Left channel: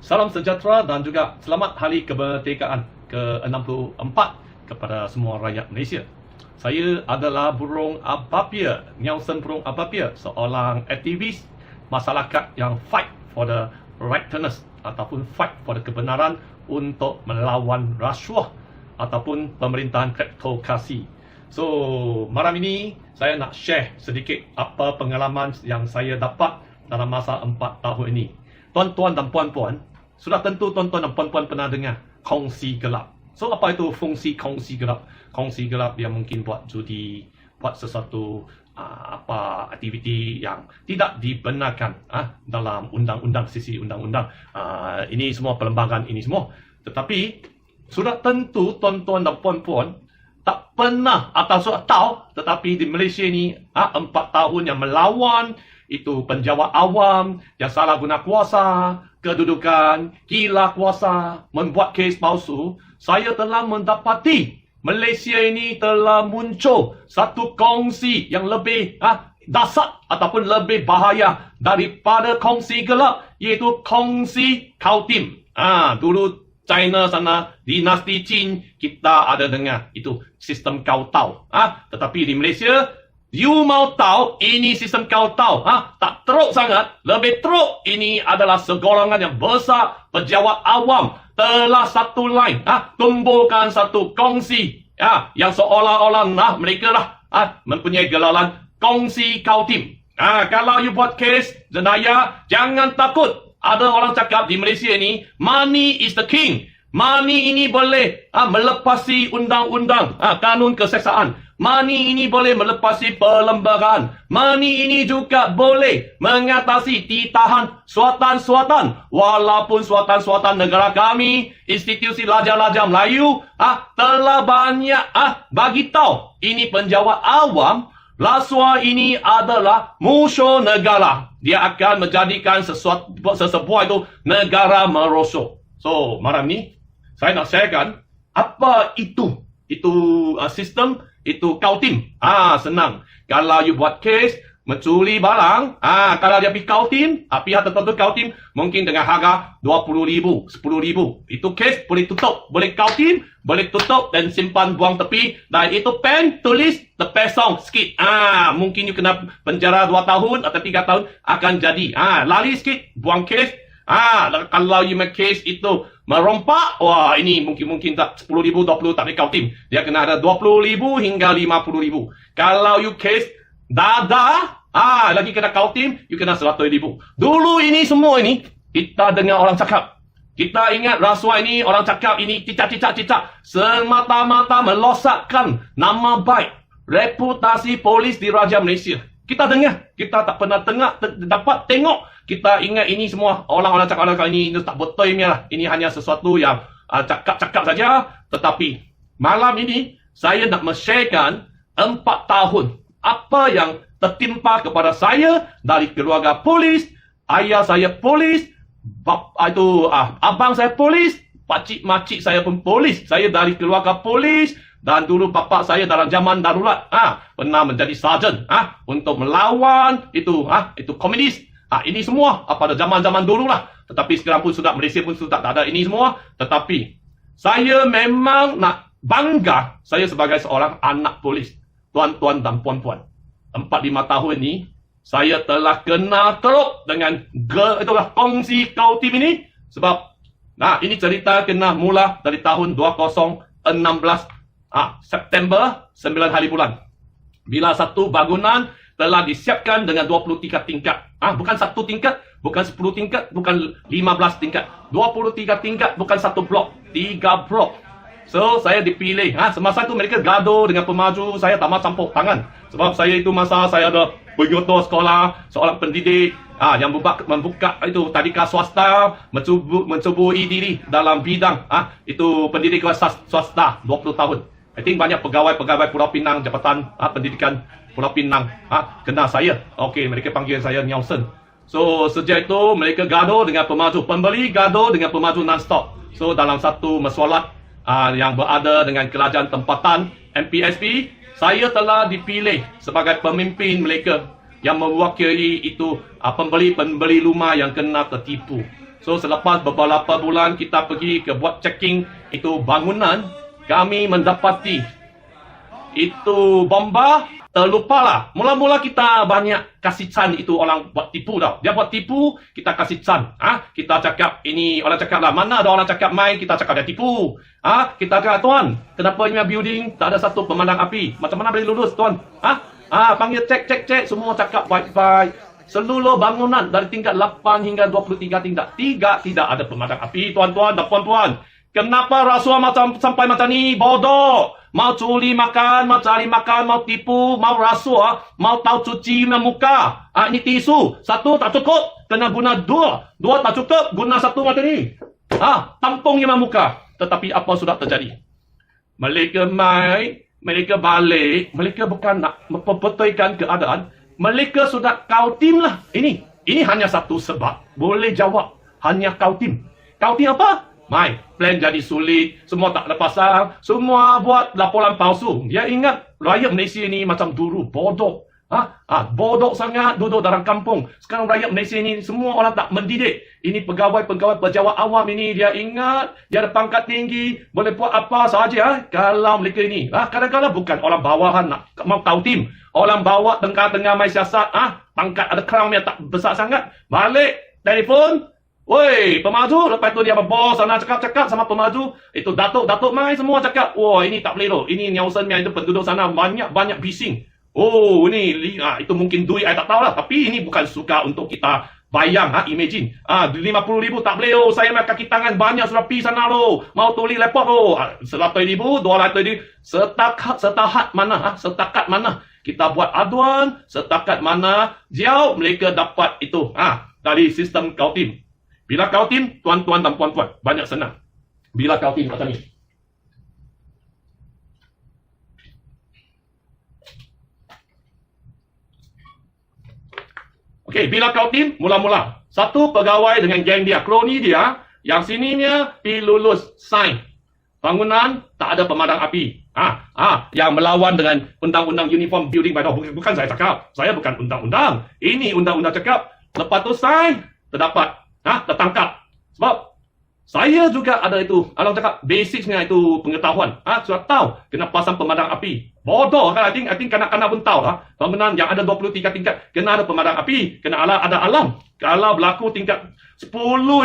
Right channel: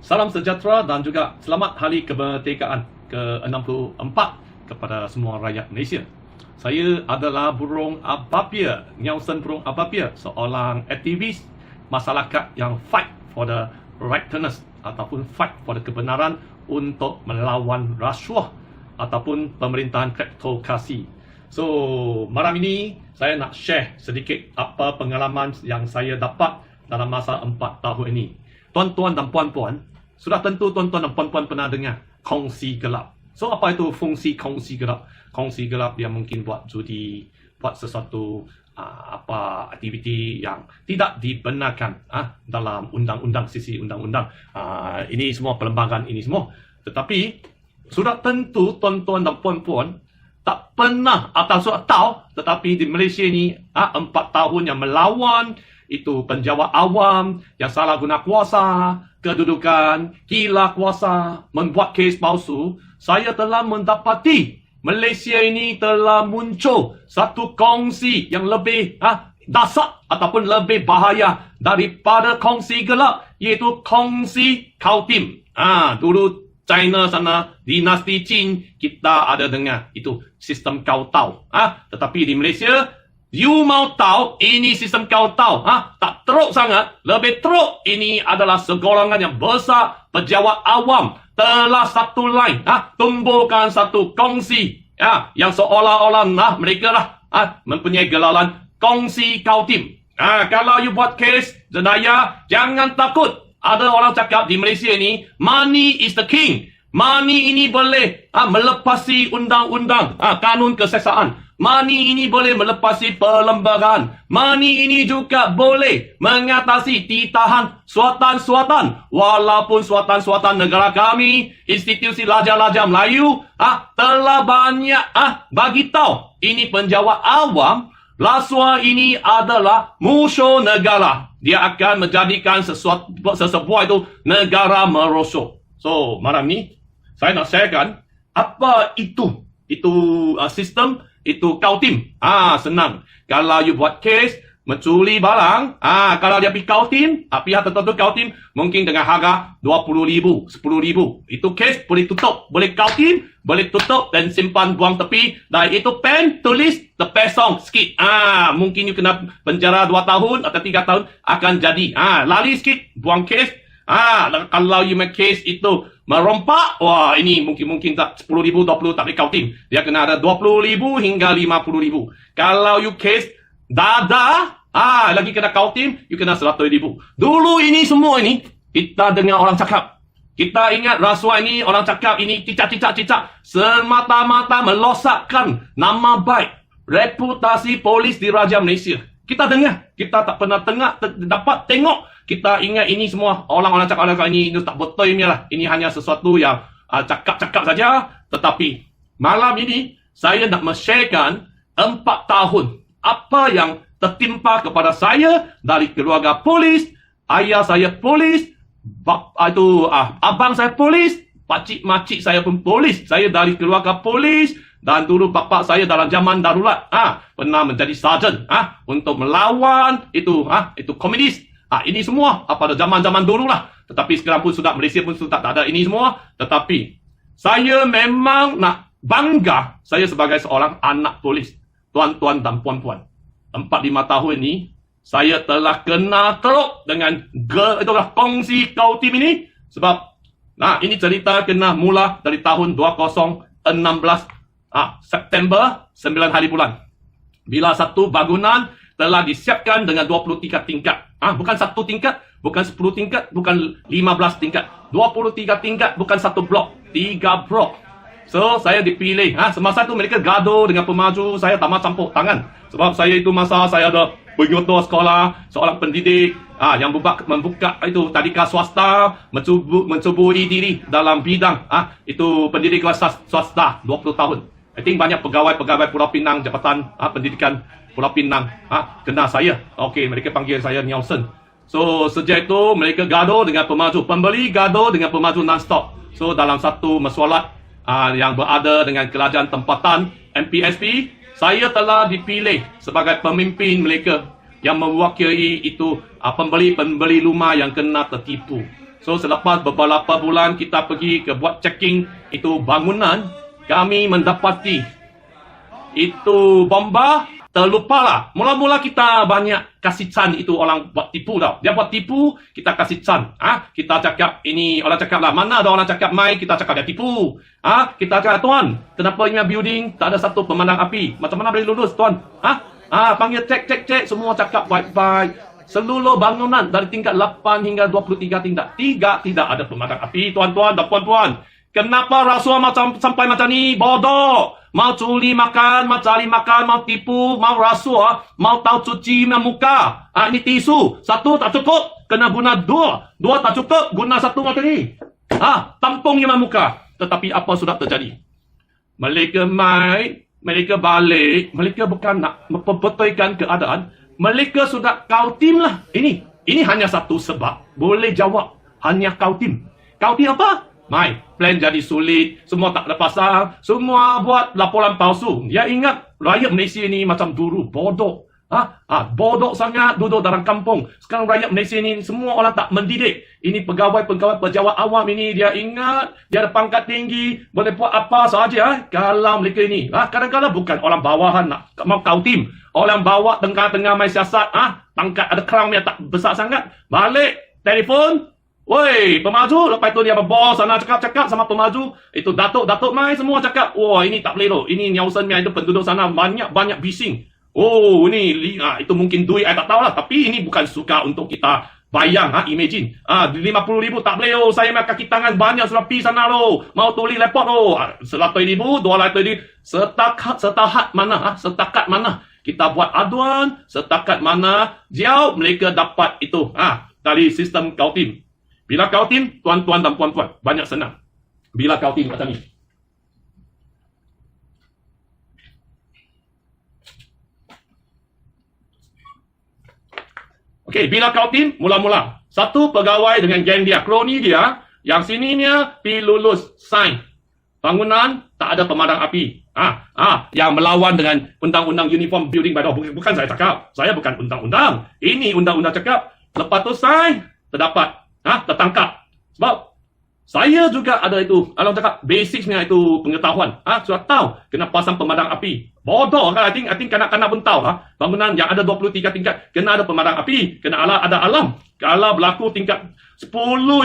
Salam sejahtera dan juga selamat Hari Kemerdekaan ke-64 kepada semua rakyat Malaysia. Saya adalah Burung Apapia, Nelson Burung Apapia, seorang aktivis masyarakat yang fight for the rightness ataupun fight for the kebenaran untuk melawan rasuah ataupun pemerintahan kleptokrasi. So, malam ini saya nak share sedikit apa pengalaman yang saya dapat dalam masa 4 tahun ini. Tuan-tuan dan puan-puan, sudah tentu tuan-tuan dan puan-puan pernah dengar kongsi gelap. So, apa itu fungsi kongsi gelap? Kongsi gelap yang mungkin buat judi, buat sesuatu aktiviti yang tidak dibenarkan dalam undang-undang, sisi undang-undang. Ini semua perlembagaan ini semua. Tetapi, sudah tentu tuan-tuan dan puan-puan tak pernah atau sudah tahu, tetapi di Malaysia ni 4 tahun yang melawan itu penjawat awam yang salah guna kuasa, kedudukan, gila kuasa, membuat kes palsu. Saya telah mendapati Malaysia ini telah muncul satu kongsi yang lebih dasar ataupun lebih bahaya daripada kongsi gelap, iaitu kongsi Kautim. Dulu China sana, dinasti Qin, kita ada dengar itu sistem Kautau. Tetapi di Malaysia, you mau tahu ini sistem Kautau, tak teruk sangat, lebih teruk. Ini adalah segolongan yang besar pejabat awam telah satu line tumbuhkan satu kongsi yang seolah-olah mereka mempunyai gelaran kongsi Kautim. Kalau you buat kes jenayah, jangan takut. Ada orang cakap di Malaysia ni, money is the king. Money ini boleh melepasi undang-undang, kanun keseksaan. Money ini boleh melepasi perlembagaan. Money ini juga boleh mengatasi titahan suatan-suatan. Walaupun suatan-suatan negara kami, institusi Raja-Raja Melayu telah banyak bagi tahu ini penjawat awam, rasuah ini adalah musuh negara. Dia akan menjadikan sesebuah itu negara merosot. So, malam ni saya nak sharekan apa itu sistem, itu Kautim. Senang. Kalau you buat kes mencuri barang, kalau dia pergi Kautim, pihak tertentu Kautim, mungkin dengan harga 20,000, 10,000. Itu kes boleh tutup, boleh Kautim, boleh tutup dan simpan buang tepi. Dan itu pen, tulis, terpesong sikit. Mungkin you kena penjara 2 tahun atau 3 tahun akan jadi. Lari sikit, buang kes. Kalau you make case itu merompak, ini mungkin tak 10,000, 20 tak boleh Kautim. Dia kena ada 20,000 hingga 50,000. Kalau you case dadah, lagi kena Kautim, you kena 100,000. Dulu ini semua ini, kita dengar orang cakap. Kita ingat rasuah ini, orang cakap ini cicak-cicak. Semata-mata melosakkan nama baik, reputasi polis di Raja Malaysia. Kita dengar, kita tak pernah dapat tengok. Kita ingat ini semua orang-orang cakap ini tak betul ini lah. Ini hanya sesuatu yang cakap-cakap saja. Tetapi malam ini saya nak men-sharekan 4 tahun apa yang tertimpa kepada saya dari keluarga polis, ayah saya polis, abang saya polis, pakcik-makcik saya pun polis. Saya dari keluarga polis. Dan dulu bapa saya dalam zaman darurat pernah menjadi sarjan untuk melawan itu komunis. Ini semua pada zaman-zaman dulu lah. Tetapi sekarang pun sudah, Malaysia pun sudah tak ada ini semua. Tetapi saya memang nak bangga saya sebagai seorang anak polis. Tuan-tuan dan puan-puan, 4-5 tahun ni saya telah kenal teruk dengan kongsi Kautim ini. Sebab ini cerita kena mula dari tahun 2016 September 9 hari bulan. Bila satu bangunan telah disiapkan dengan 23 tingkat. Bukan 1 tingkat, bukan 10 tingkat, bukan 15 tingkat. 23 tingkat, bukan 1 blok, 3 blok. So, saya dipilih. Semasa itu mereka gaduh dengan pemaju, saya tak mahu campur tangan. Sebab saya itu masa saya ada penyotor sekolah, seorang pendidik yang membuka itu tadika swasta, mencuburi diri dalam bidang itu pendidik swasta 20 tahun. I think banyak pegawai Pulau Pinang, Jabatan Pendidikan Pulau Pinang kena saya. Okey, mereka panggil saya Nelson. So, sejak itu mereka gaduh dengan pemaju. Pembeli gaduh dengan pemaju non-stop. So, dalam satu mesyuarat yang berada dengan kerajaan tempatan MPSP, saya telah dipilih sebagai pemimpin mereka yang mewakili itu pembeli-pembeli rumah yang kena tertipu. So selepas beberapa bulan kita pergi ke buat checking itu bangunan, kami mendapati itu bomba. Terlupalah. Mula-mula kita banyak kasih can itu orang buat tipu tau. Dia buat tipu, kita kasih can. Kita cakap ini, orang cakap lah, mana ada orang cakap mai, kita cakap dia tipu. Kita cakap, tuan, kenapa ini building tak ada satu pemadam api? Macam mana boleh lulus, tuan? Panggil cek, semua cakap wifi. Seluruh bangunan dari tingkat 8 hingga 23 tingkat. Tidak ada pemadam api, tuan-tuan dan puan-puan. Kenapa rasuah sampai macam ni? Bodoh! Mau curi makan, mau cari makan, mau tipu, mau rasuah, mau tahu cuci muka. Ini tisu. Satu tak cukup, kena guna dua. Dua tak cukup, guna satu macam ni. Tampung lima muka. Tetapi apa sudah terjadi? Mereka mai, mereka balik, mereka bukan nak membetulkan keadaan. Mereka sudah kau tim lah. Ini hanya satu sebab. Boleh jawab. Hanya kau tim. Kau tim apa? Mai, plan jadi sulit, semua tak ada pasang, semua buat laporan palsu. Dia ingat rakyat Malaysia ni macam dulu bodoh. Bodoh sangat duduk dalam kampung. Sekarang rakyat Malaysia ni semua orang tak mendidik. Ini pegawai-pegawai pejabat awam ini, dia ingat dia ada pangkat tinggi, boleh buat apa sahaja. Kalau mereka ini, kadang-kadang bukan orang bawahan nak mau kau tim. Orang bawah tengah-tengah main siasat, pangkat ada crown yang tak besar sangat. Balik, telefon. Woi, pemaju, lepas itu dia bos sana cakap sama pemaju, itu datuk mai semua cakap, wah ini tak boleh loh, ini Nelson itu penduduk sana banyak bising. Oh, ini itu mungkin duit saya tak tahu lah, tapi ini bukan suka untuk kita bayang, imagine. 50,000 tak boleh loh, saya makan kaki tangan banyak sudah pergi sana loh, mau tulis report loh, 100,000, 200,000, setakat mana kita buat aduan, setakat mana jauh mereka dapat itu, dari sistem kau tim. Bila kau tim, tuan-tuan dan puan-puan, banyak senang. Bila kau tim macam ni. Okey, bila kau tim, mula-mula. Satu pegawai dengan geng dia, kroni dia, yang sininya pergi lulus, sign. Bangunan, tak ada pemadam api. Yang melawan dengan undang-undang uniform building by law. Bukan saya cakap. Saya bukan undang-undang. Ini undang-undang cakap. Lepas tu sign, terdapat. Tertangkap. Sebab saya juga ada itu, kalau cakap basicnya itu pengetahuan. Sudah tahu kena pasang pemadam api. Bodoh kan? I think kanak-kanak pun tahu lah. Bangunan yang ada 23 tingkat kena ada pemadam api, kena ada alam. Kalau berlaku tingkat 10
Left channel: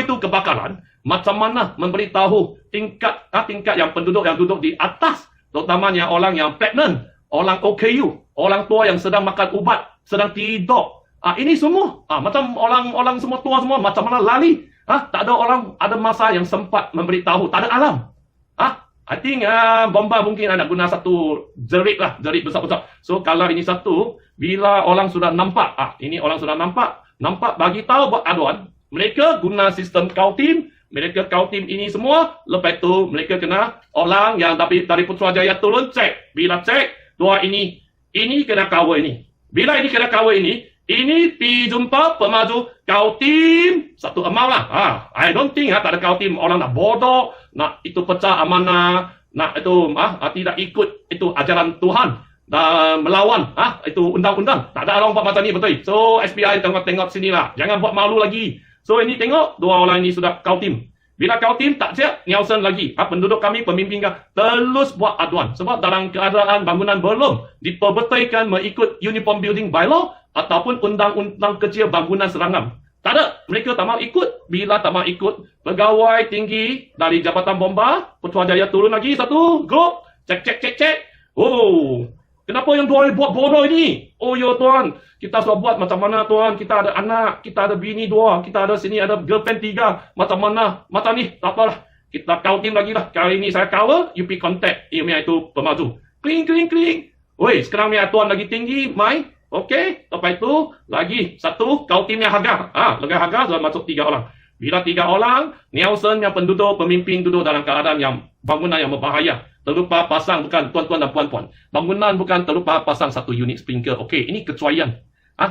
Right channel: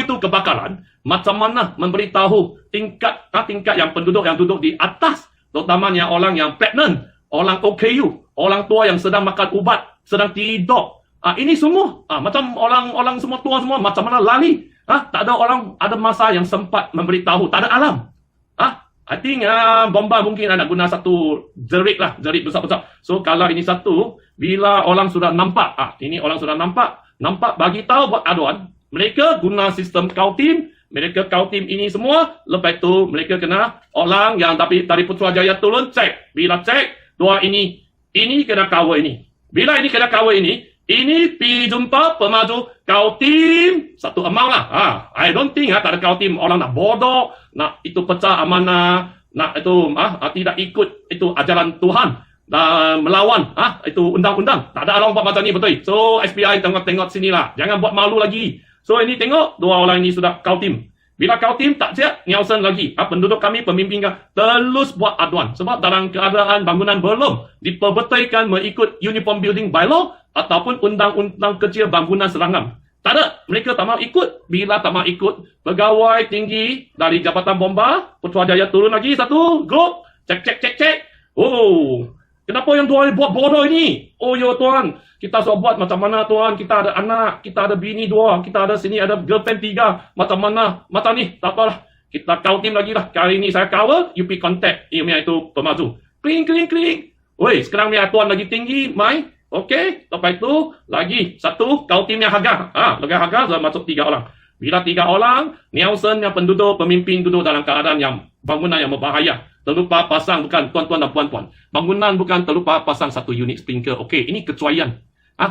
itu kebakaran, macam mana memberitahu tingkat yang penduduk yang duduk di atas, terutamanya orang yang pregnant, orang OKU, orang tua yang sedang makan ubat, sedang tidur. Ini semua macam orang semua tua semua macam mana lari. Tak ada orang ada masa yang sempat memberitahu, tak ada alam. I think bomba mungkin ada guna satu jerit besar-besar. So kalau ini satu, bila orang sudah nampak, ini orang sudah nampak bagi tahu buat aduan, mereka guna sistem kau tim, mereka kau tim ini semua, lepas tu mereka kena orang yang dari Putrajaya turun cek. Bila cek, dua ini kena cover ini. Bila ini kena cover ini pergi jumpa pemaju kau tim satu amal lah. I don't think tak ada kau tim orang nak bodoh, nak itu pecah amanah, nak itu tidak ikut itu ajaran Tuhan dan melawan itu undang-undang. Tak ada orang buat macam ni betul. So SBI tengok sinilah, jangan buat malu lagi. So ini tengok dua orang ini sudah kau tim. Bila kau tim tak siap, Nelson lagi. Penduduk kami, pemimpin kami, terus buat aduan. Sebab dalam keadaan bangunan belum diperbetulkan mengikut Uniform Building by Law ataupun undang-undang kecil bangunan serangam. Tak ada. Mereka tak mau ikut. Bila tak mau ikut, pegawai tinggi dari Jabatan Bomba, Putrajaya turun lagi satu, grup, cek. Oh, kenapa yang tuan buat bodoh ini? Oh ya tuan, kita sudah buat macam mana tuan, kita ada anak, kita ada bini dua, kita ada sini ada girlfriend 3, macam mana, macam ni, tak apalah. Kita counting lagi lah. Kali ini saya cover, you pergi contact email itu pemaju. Kling. Woi, sekarang ni tuan lagi tinggi, mai. Okey, lepas itu lagi satu, kau timnya harga. Dengan harga sudah masuk 3 orang. Bila 3 orang, Nelson yang penduduk, pemimpin duduk dalam keadaan yang bangunan yang berbahaya. Terlupa pasang, bukan tuan-tuan dan puan-puan. Bangunan bukan terlupa pasang satu unit sprinkler. Okey, ini kecuaian.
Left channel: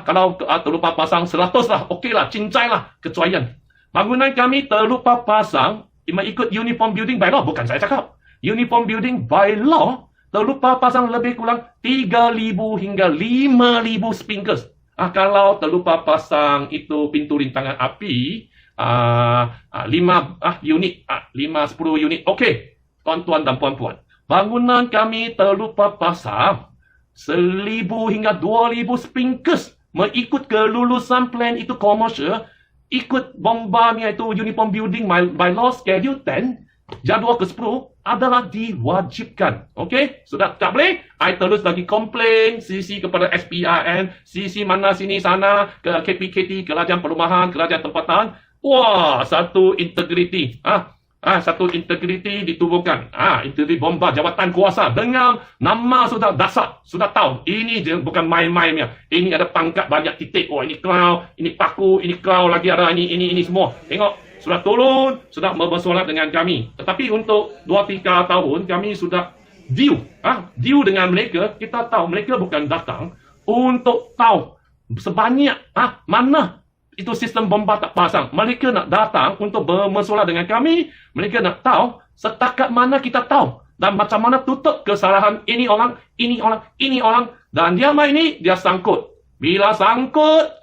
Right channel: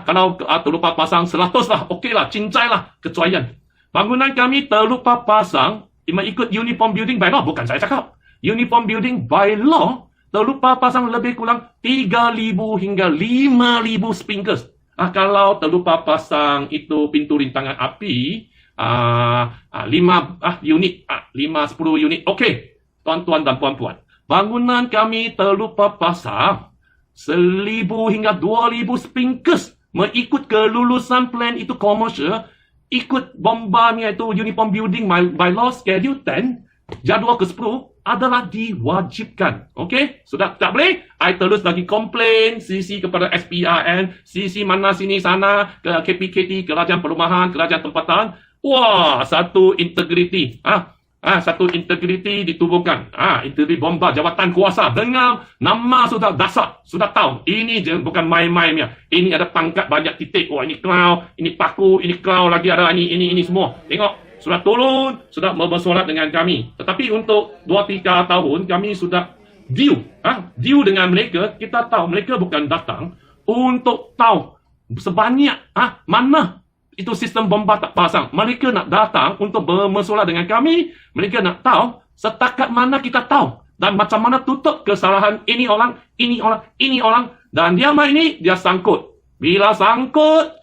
Kalau terlupa pasang 100 lah, okey lah, cincai lah, kecuaian. Bangunan kami terlupa pasang, mengikut Uniform Building by Law, bukan saya cakap. Uniform Building by Law, terlupa pasang lebih kurang 3,000 hingga 5,000 sprinklers. Kalau terlupa pasang itu pintu rintangan api, unit, 5-10 unit. Okey, tuan-tuan dan puan-puan. Bangunan kami terlupa pasang 1,000 hingga 2,000 spinkers mengikut kelulusan plan itu komersial, ikut bombanya itu Uniform Building by Law Schedule 10, jadual ke-10 adalah diwajibkan. Okey? Sudah tak boleh? I terus lagi komplain CC kepada SPRN, CC mana sini sana, ke KPKT, Kerajaan Perumahan, Kerajaan Tempatan. Wah, satu integriti. Satu integriti ditubuhkan. Integriti bomba jabatan kuasa dengan nama sudah dasar, sudah tahu. Ini bukan main-mainnya. Ini ada pangkat banyak titik. Oh, ini cloud, ini paku, ini cloud lagi ada ini semua. Tengok, sudah turun, sudah bersolat dengan kami. Tetapi untuk 2-3 tahun kami sudah deal dengan mereka. Kita tahu mereka bukan datang untuk tahu sebanyak mana itu sistem bomba tak pasang. Mereka nak datang untuk bermesolat dengan kami. Mereka nak tahu setakat mana kita tahu. Dan macam mana tutup kesalahan ini orang. Dan dia main ini, dia sangkut. Bila sangkut,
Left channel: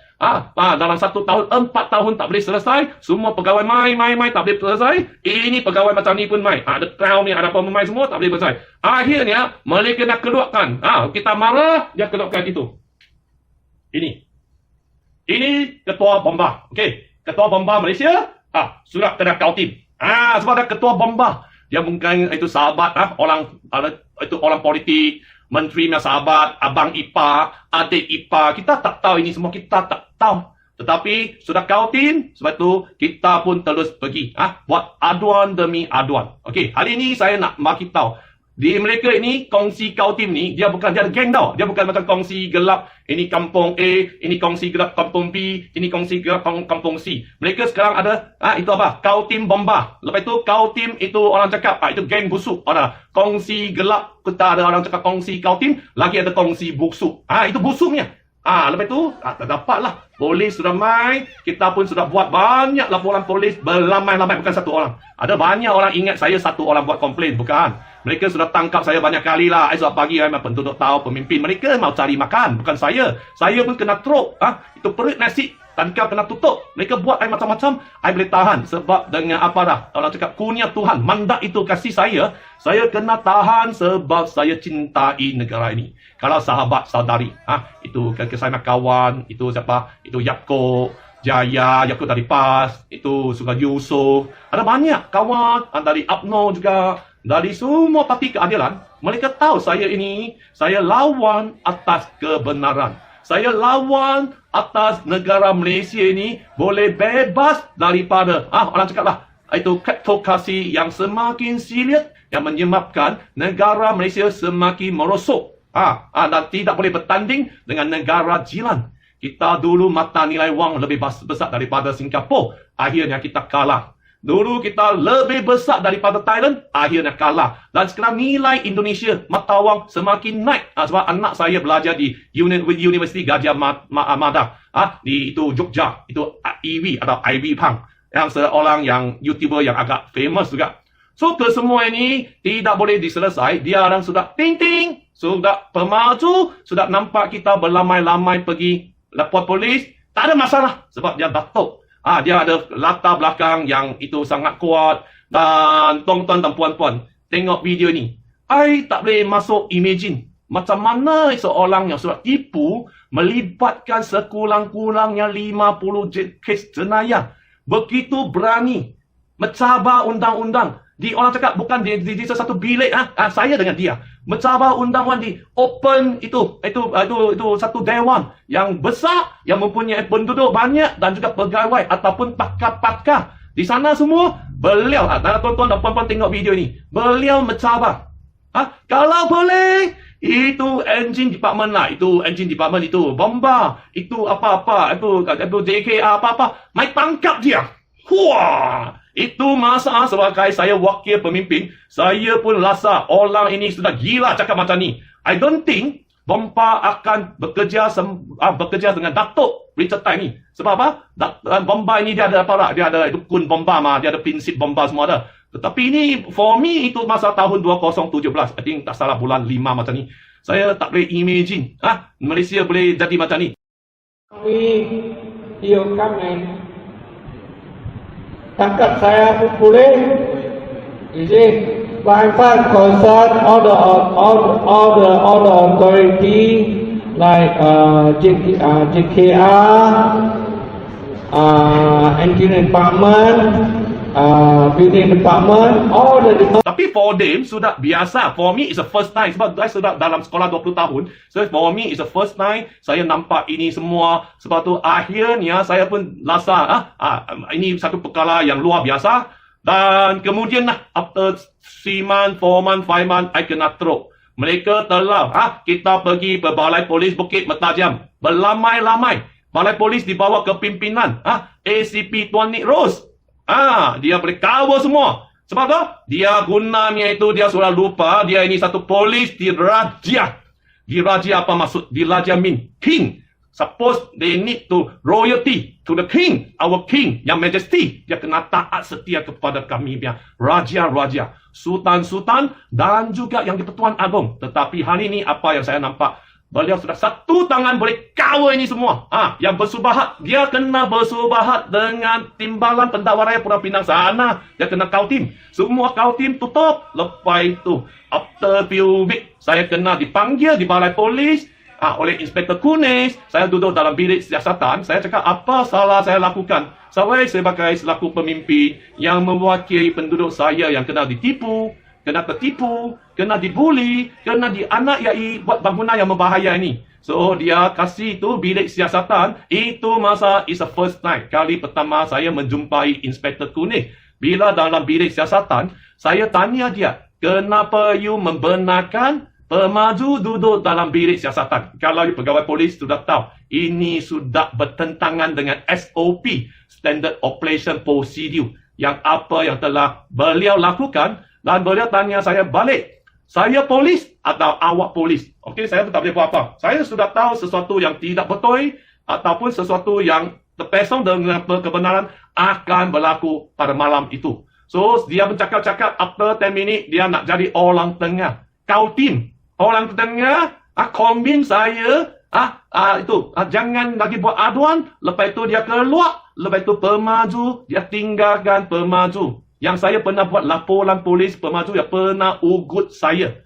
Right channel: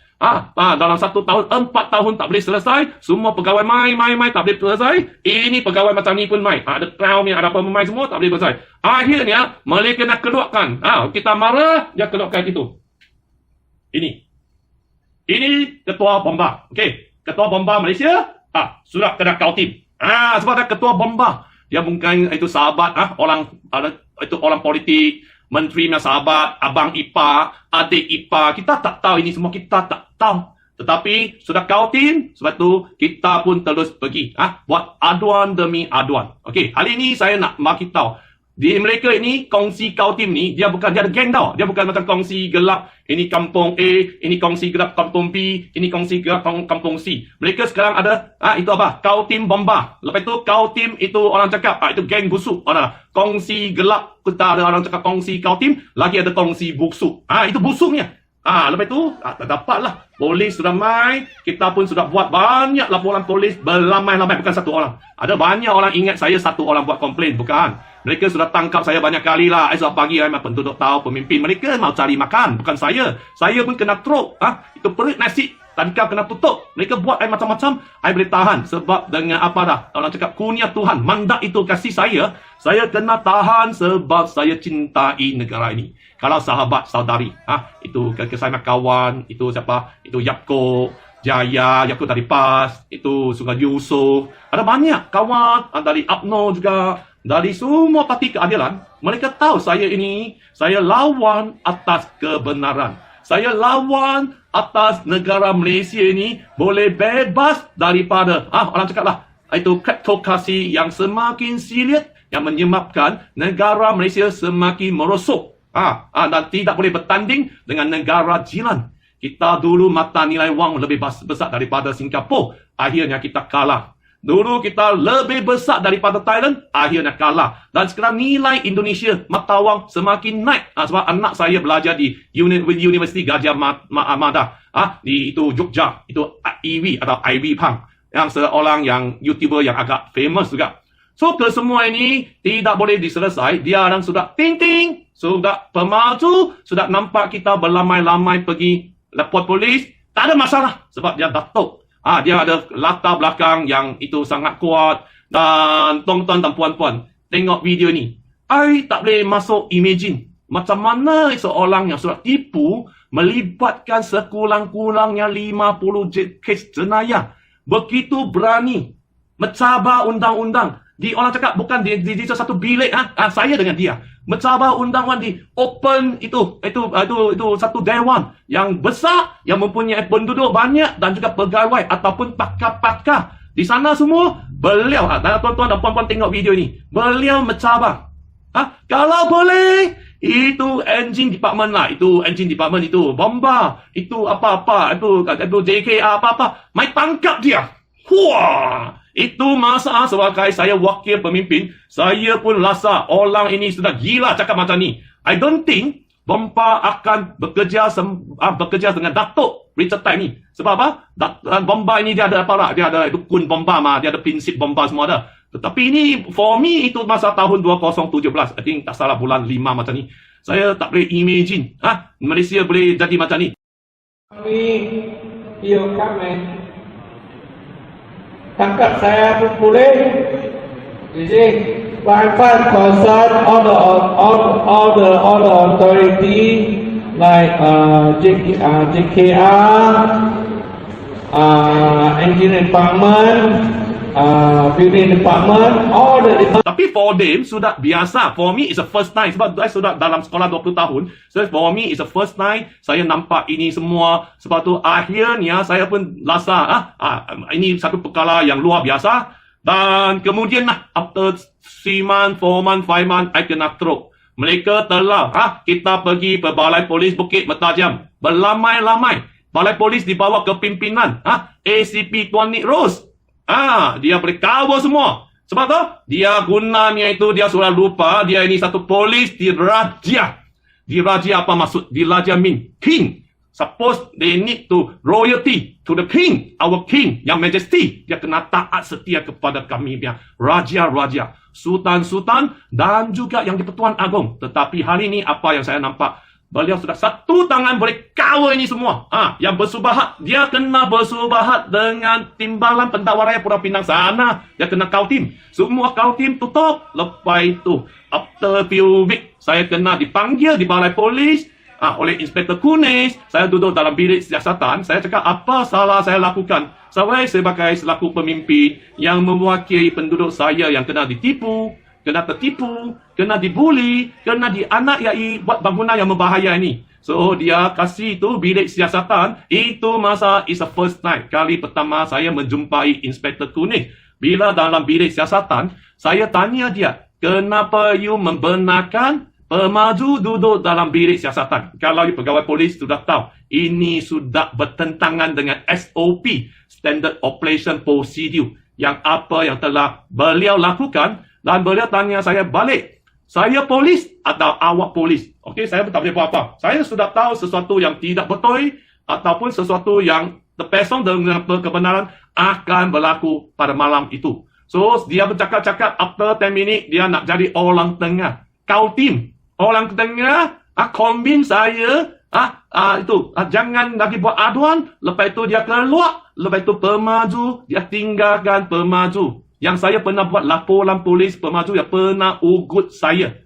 dalam 1 tahun, 4 tahun tak boleh selesai. Semua pegawai main, tak boleh selesai. Ini pegawai macam ni pun main. Ada trial ni, ada pemain semua, tak boleh selesai. Akhirnya, mereka nak keluarkan. Kita marah, dia keluarkan itu. Ini ketua bomba. Okey, ketua bomba Malaysia, sudah kena kautim. Sebab ada ketua bomba. Dia mungkin itu sahabat, orang politik, menteri punya sahabat, abang ipar, adik ipar. Kita tak tahu ini semua, kita tak tahu. Tetapi sudah kautim, sebab tu kita pun terus pergi buat aduan demi aduan. Okey, hari ini saya nak bagi tahu. Di Malaysia ini, kongsi kautim ni, dia ada geng tau. Dia bukan macam kongsi gelap, ini kampung A, ini kongsi gelap kampung B, ini kongsi gelap kampung C. Mereka sekarang ada, itu apa? Kautim bomba. Lepas itu, kautim itu orang cakap, itu geng busuk. Ada kongsi gelap, kita ada orang cakap kongsi kautim, lagi ada kongsi busuk. Itu busuknya. Lepas itu, dapatlah. Polis sudah main, kita pun sudah buat banyak laporan polis, berlamai-lamai, bukan satu orang. Ada banyak orang ingat saya satu orang buat komplain, bukan. Mereka sudah tangkap saya banyak kali lah. Esok pagi penduduk tahu pemimpin mereka mau cari makan, bukan saya. Saya pun kena teruk. Itu perut nasi, tangkap kena tutup. Mereka buat macam-macam, saya boleh tahan. Sebab dengan apa dah, orang cakap kurnia Tuhan, mandat itu kasih saya kena tahan sebab saya cintai negara ini. Kalau sahabat saudari, itu saya kawan, itu siapa? Itu Yaakob Jaya, Yaakob dari PAS, itu Sugandi Yusof. Ada banyak kawan, dari UMNO juga, dari semua parti keadilan. Mereka tahu saya lawan atas kebenaran. Saya lawan atas negara Malaysia ini boleh bebas daripada, orang cakap lah, itu kleptokrasi yang semakin silit, yang menyebabkan negara Malaysia semakin merosot. Dan tidak boleh bertanding dengan negara jiran. Kita dulu mata nilai wang lebih besar daripada Singapura. Akhirnya kita kalah. Dulu kita lebih besar daripada Thailand. Akhirnya kalah. Dan sekarang nilai Indonesia, mata wang semakin naik. Sebab anak saya belajar di Universiti Gajah Mada. Di itu Jogja. Itu IB atau IB Pang. Yang seorang yang YouTuber yang agak famous juga. So, kesemua ini tidak boleh diselesai. Dia orang sudah ting-ting. Sudah pemaju. Sudah nampak kita berlamai-lamai pergi lapor polis. Tak ada masalah. Sebab dia datuk. Dia ada latar belakang yang itu sangat kuat. Dan tuan-tuan dan puan-puan, tengok video ni. I tak boleh masuk imagine macam mana seorang yang sudah tipu melibatkan sekurang-kurangnya 50 kes jenayah. Begitu berani mencabar undang-undang. Orang cakap bukan di satu bilik. Saya dengan dia mencabar undang-undang di open itu satu dewan yang besar yang mempunyai penduduk banyak dan juga pegawai ataupun pakar-pakar di sana semua. Beliau, tuan-tuan dan puan-puan tengok video ni, beliau mencabar. Kalau boleh, itu engine department lah, itu engine department itu bomba, itu apa-apa, itu JKA apa-apa, mai tangkap dia. Wah, itu masa sebagai saya wakil pemimpin, saya pun rasa orang ini sudah gila cakap macam ni. I don't think bomba akan bekerja dengan Datuk Richard Tan ni. Sebab apa? Bomba ini dia ada apa? Dia ada itu kun bomba dia ada prinsip bomba semua ada. Tetapi ini for me itu masa tahun 2017. I think tak salah bulan 5 macam ni. Saya tak boleh imagine Malaysia boleh jadi macam ni. Kami yêu các anh tangkap saya pun boleh. Jadi my concern all the authority like JKR, engineering department, building department, all the. Tapi for them sudah biasa. For me it's the first time. Sebab saya sudah dalam sekolah 20 tahun. So for me it's the first time saya nampak ini semua. Sebab tu akhirnya saya pun rasa ini satu perkara yang luar biasa. Dan kemudian after 3 months, 4 months, 5 months, I kena throw. Mereka telah kita pergi ke Balai Polis Bukit Mertajam. Berlamai-lamai. Balai Polis di bawah kepimpinan ACP Tuan Nick Rose. Dia boleh cover semua. Sebab tu, dia gunanya itu, dia sudah lupa, dia ini satu polis di Raja. Di Raja apa maksud? Di Raja mean king. Suppose they need to royalty to the king, our king, yang majesty. Dia kena taat setia kepada kami, dia raja-raja, sultan-sultan dan juga yang di-Pertuan Agong. Tetapi hari ini apa yang saya nampak? Beliau sudah satu tangan boleh cover ini semua. Yang bersubahat, dia kena bersubahat dengan Timbalan Pendakwa Raya Pulau Pinang sana. Dia kena kautim. Semua kautim tutup. Lepas itu, after few weeks, saya kena dipanggil di Balai Polis oleh Inspektor Kunis. Saya duduk dalam bilik siasatan. Saya cakap apa salah saya lakukan. Saya sebagai selaku pemimpin yang mewakili penduduk saya yang kena ditipu, kena tertipu, kena dibuli, kena dianiayai buat bangunan yang berbahaya ini. So dia kasih itu bilik siasatan. Itu masa is the first time. Kali pertama saya menjumpai Inspektor Kuning. Bila dalam bilik siasatan, saya tanya dia, kenapa you membenarkan pemaju duduk dalam bilik siasatan? Kalau you pegawai polis sudah tahu, ini sudah bertentangan dengan SOP, Standard Operation Procedure, yang apa yang telah beliau lakukan. Dan beliau tanya saya balik, saya polis atau awak polis? Okey, saya tak boleh buat apa. Saya sudah tahu sesuatu yang tidak betul ataupun sesuatu yang terpesong dengan kebenaran akan berlaku pada malam itu. So, dia bercakap-cakap, after 10 minit, dia nak jadi orang tengah. Kautim. Orang tengah, kombin saya, jangan lagi buat aduan. Lepas itu dia keluar. Lepas itu pemaju, dia tinggalkan pemaju. Yang saya pernah buat laporan polis pemaju yang pernah ugut saya.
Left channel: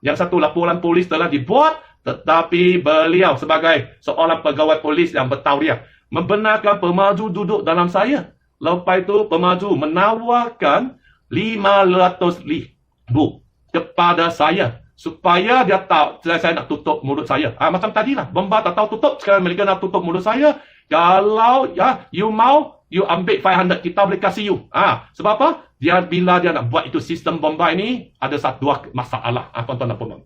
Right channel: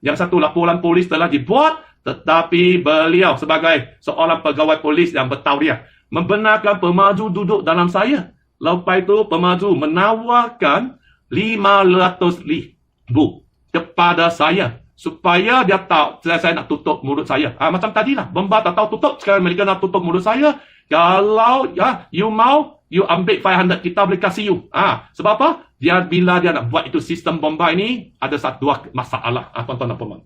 Yang satu laporan polis telah dibuat, tetapi beliau sebagai seorang pegawai polis yang bertauliah membenarkan pemaju duduk dalam saya. Lepas itu pemaju menawarkan 500,000 kepada saya supaya dia tahu saya nak tutup mulut saya. Macam tadilah, bomba tak tahu tutup, sekarang mereka nak tutup mulut saya. Kalau you mau, you ambil 500, kita boleh kasih you. Sebab apa? Bila dia nak buat itu sistem bomba ini, ada dua masalah. Tuan-tuan dan puan.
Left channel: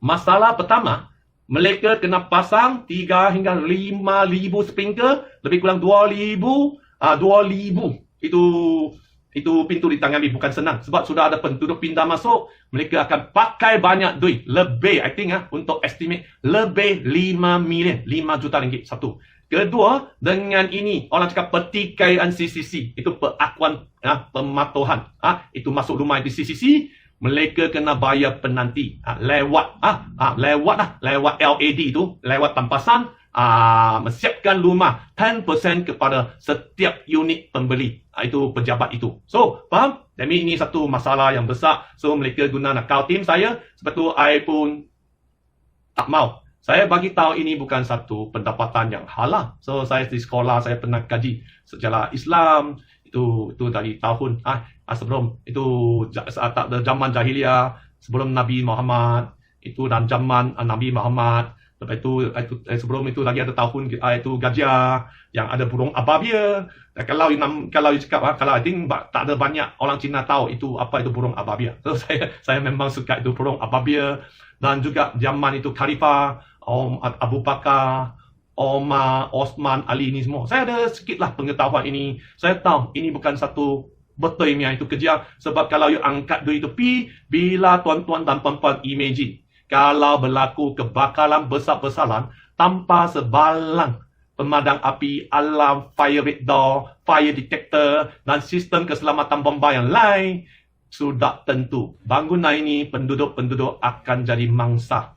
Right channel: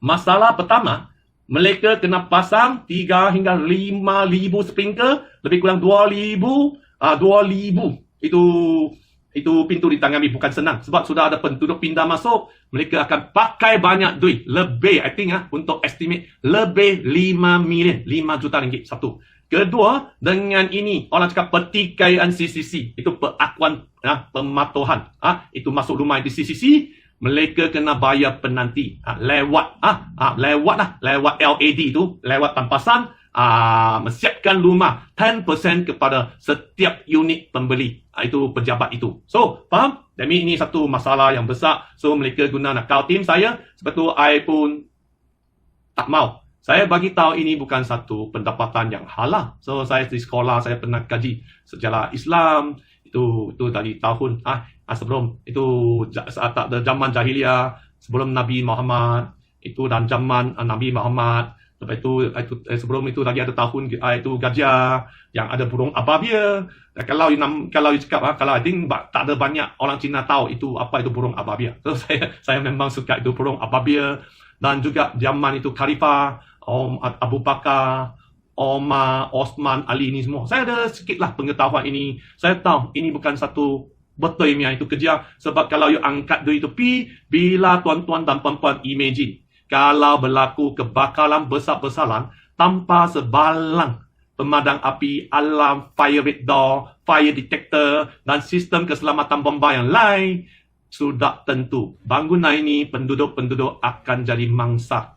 Masalah pertama, mereka kena pasang 3 hingga 5,000 sprinkler, lebih kurang 2,000. 2,000 itu pintu ditangani bukan senang. Sebab sudah ada penduduk pindah masuk, mereka akan pakai banyak duit. Lebih, I think untuk estimate, lebih 5 million, 5 juta ringgit satu. Kedua, dengan ini, orang cakap pertikaian CCC. Itu perakuan pematuhan. Itu masuk rumah di CCC, mereka kena bayar penanti. Lewat LED itu, lewat tampasan, menyiapkan rumah 10% kepada setiap unit pembeli. Itu pejabat itu. So, faham? Jadi ini satu masalah yang besar. So, mereka guna nak kautim saya. Sebab tu, I pun tak mau. Saya bagi tahu ini bukan satu pendapatan yang halal. So, saya di sekolah, saya pernah kaji sejarah Islam. Itu dari tahun, sebelum, itu zaman jahiliyah, sebelum Nabi Muhammad. Itu dan zaman Nabi Muhammad. Lepas itu sebelum itu lagi ada tahun itu gajah yang ada burung ababia. Kalau you cakap, kalau I think tak ada banyak orang Cina tahu itu apa itu burung ababia. So saya memang suka itu burung ababia. Dan juga zaman itu Khalifah, Abu Bakar, Omar, Osman, Ali ini semua. Saya ada sedikitlah pengetahuan ini. Saya tahu ini bukan satu betulnya itu kerja. Sebab kalau you angkat duit itu bila tuan-tuan dan puan-puan imagine, kalau berlaku kebakaran besar-besaran tanpa sebalang pemadam api, alarm, fire door, fire detector dan sistem keselamatan bomba yang lain, sudah tentu bangunan ini penduduk-penduduk akan jadi mangsa.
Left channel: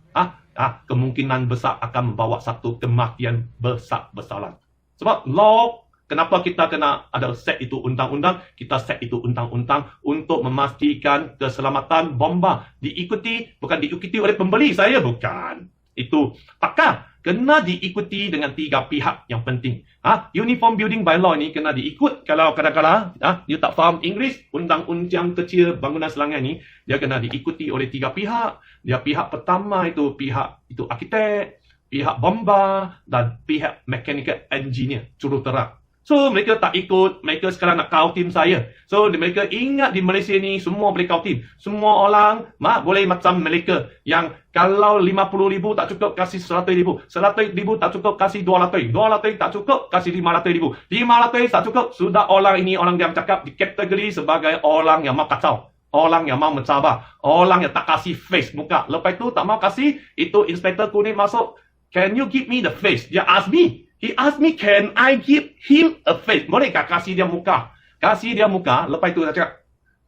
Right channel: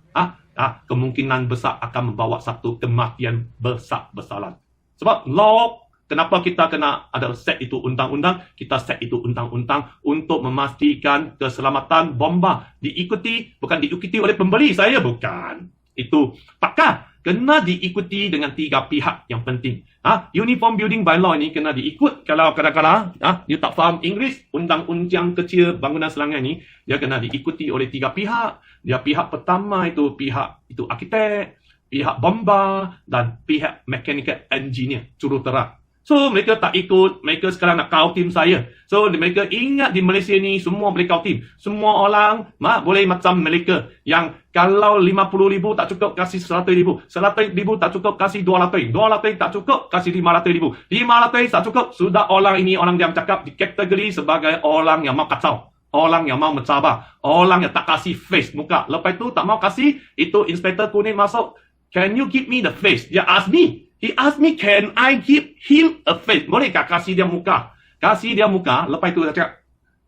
Kemungkinan besar akan membawa satu kematian besar-besaran. Sebab law Kenapa kita kena ada set itu undang-undang? Kita set itu undang-undang untuk memastikan keselamatan bomba diikuti, bukan diikuti oleh pembeli. Saya bukan. Itu pakar. Kena diikuti dengan 3 pihak yang penting. Uniform Building Bylaw ini kena diikut. Kalau kadang-kadang you tak faham English, undang-undang kecil bangunan Selangor ni, dia kena diikuti oleh 3 pihak. Dia pihak pertama itu pihak itu arkitek, pihak bomba dan pihak mechanical engineer, juruterang. So, mereka tak ikut. Mereka sekarang nak kau tim saya. So, mereka ingat di Malaysia ni semua boleh kau tim. Semua orang boleh macam mereka. Yang kalau 50,000 tak cukup, kasih 100,000. 100,000 tak cukup, kasih 200. 200 tak cukup, kasih 500,000. 500 tak cukup, sudah orang ini, orang yang cakap di kategori sebagai orang yang mau kacau. Orang yang mau mencabar. Orang yang tak kasih face muka. Lepas tu tak mau kasih, itu Inspektor Kuning masuk. Can you give me the face? Dia ask me. He asked me, can I give him a face? Bolehkah kasih dia muka? Kasih dia muka, lepas itu dia cakap,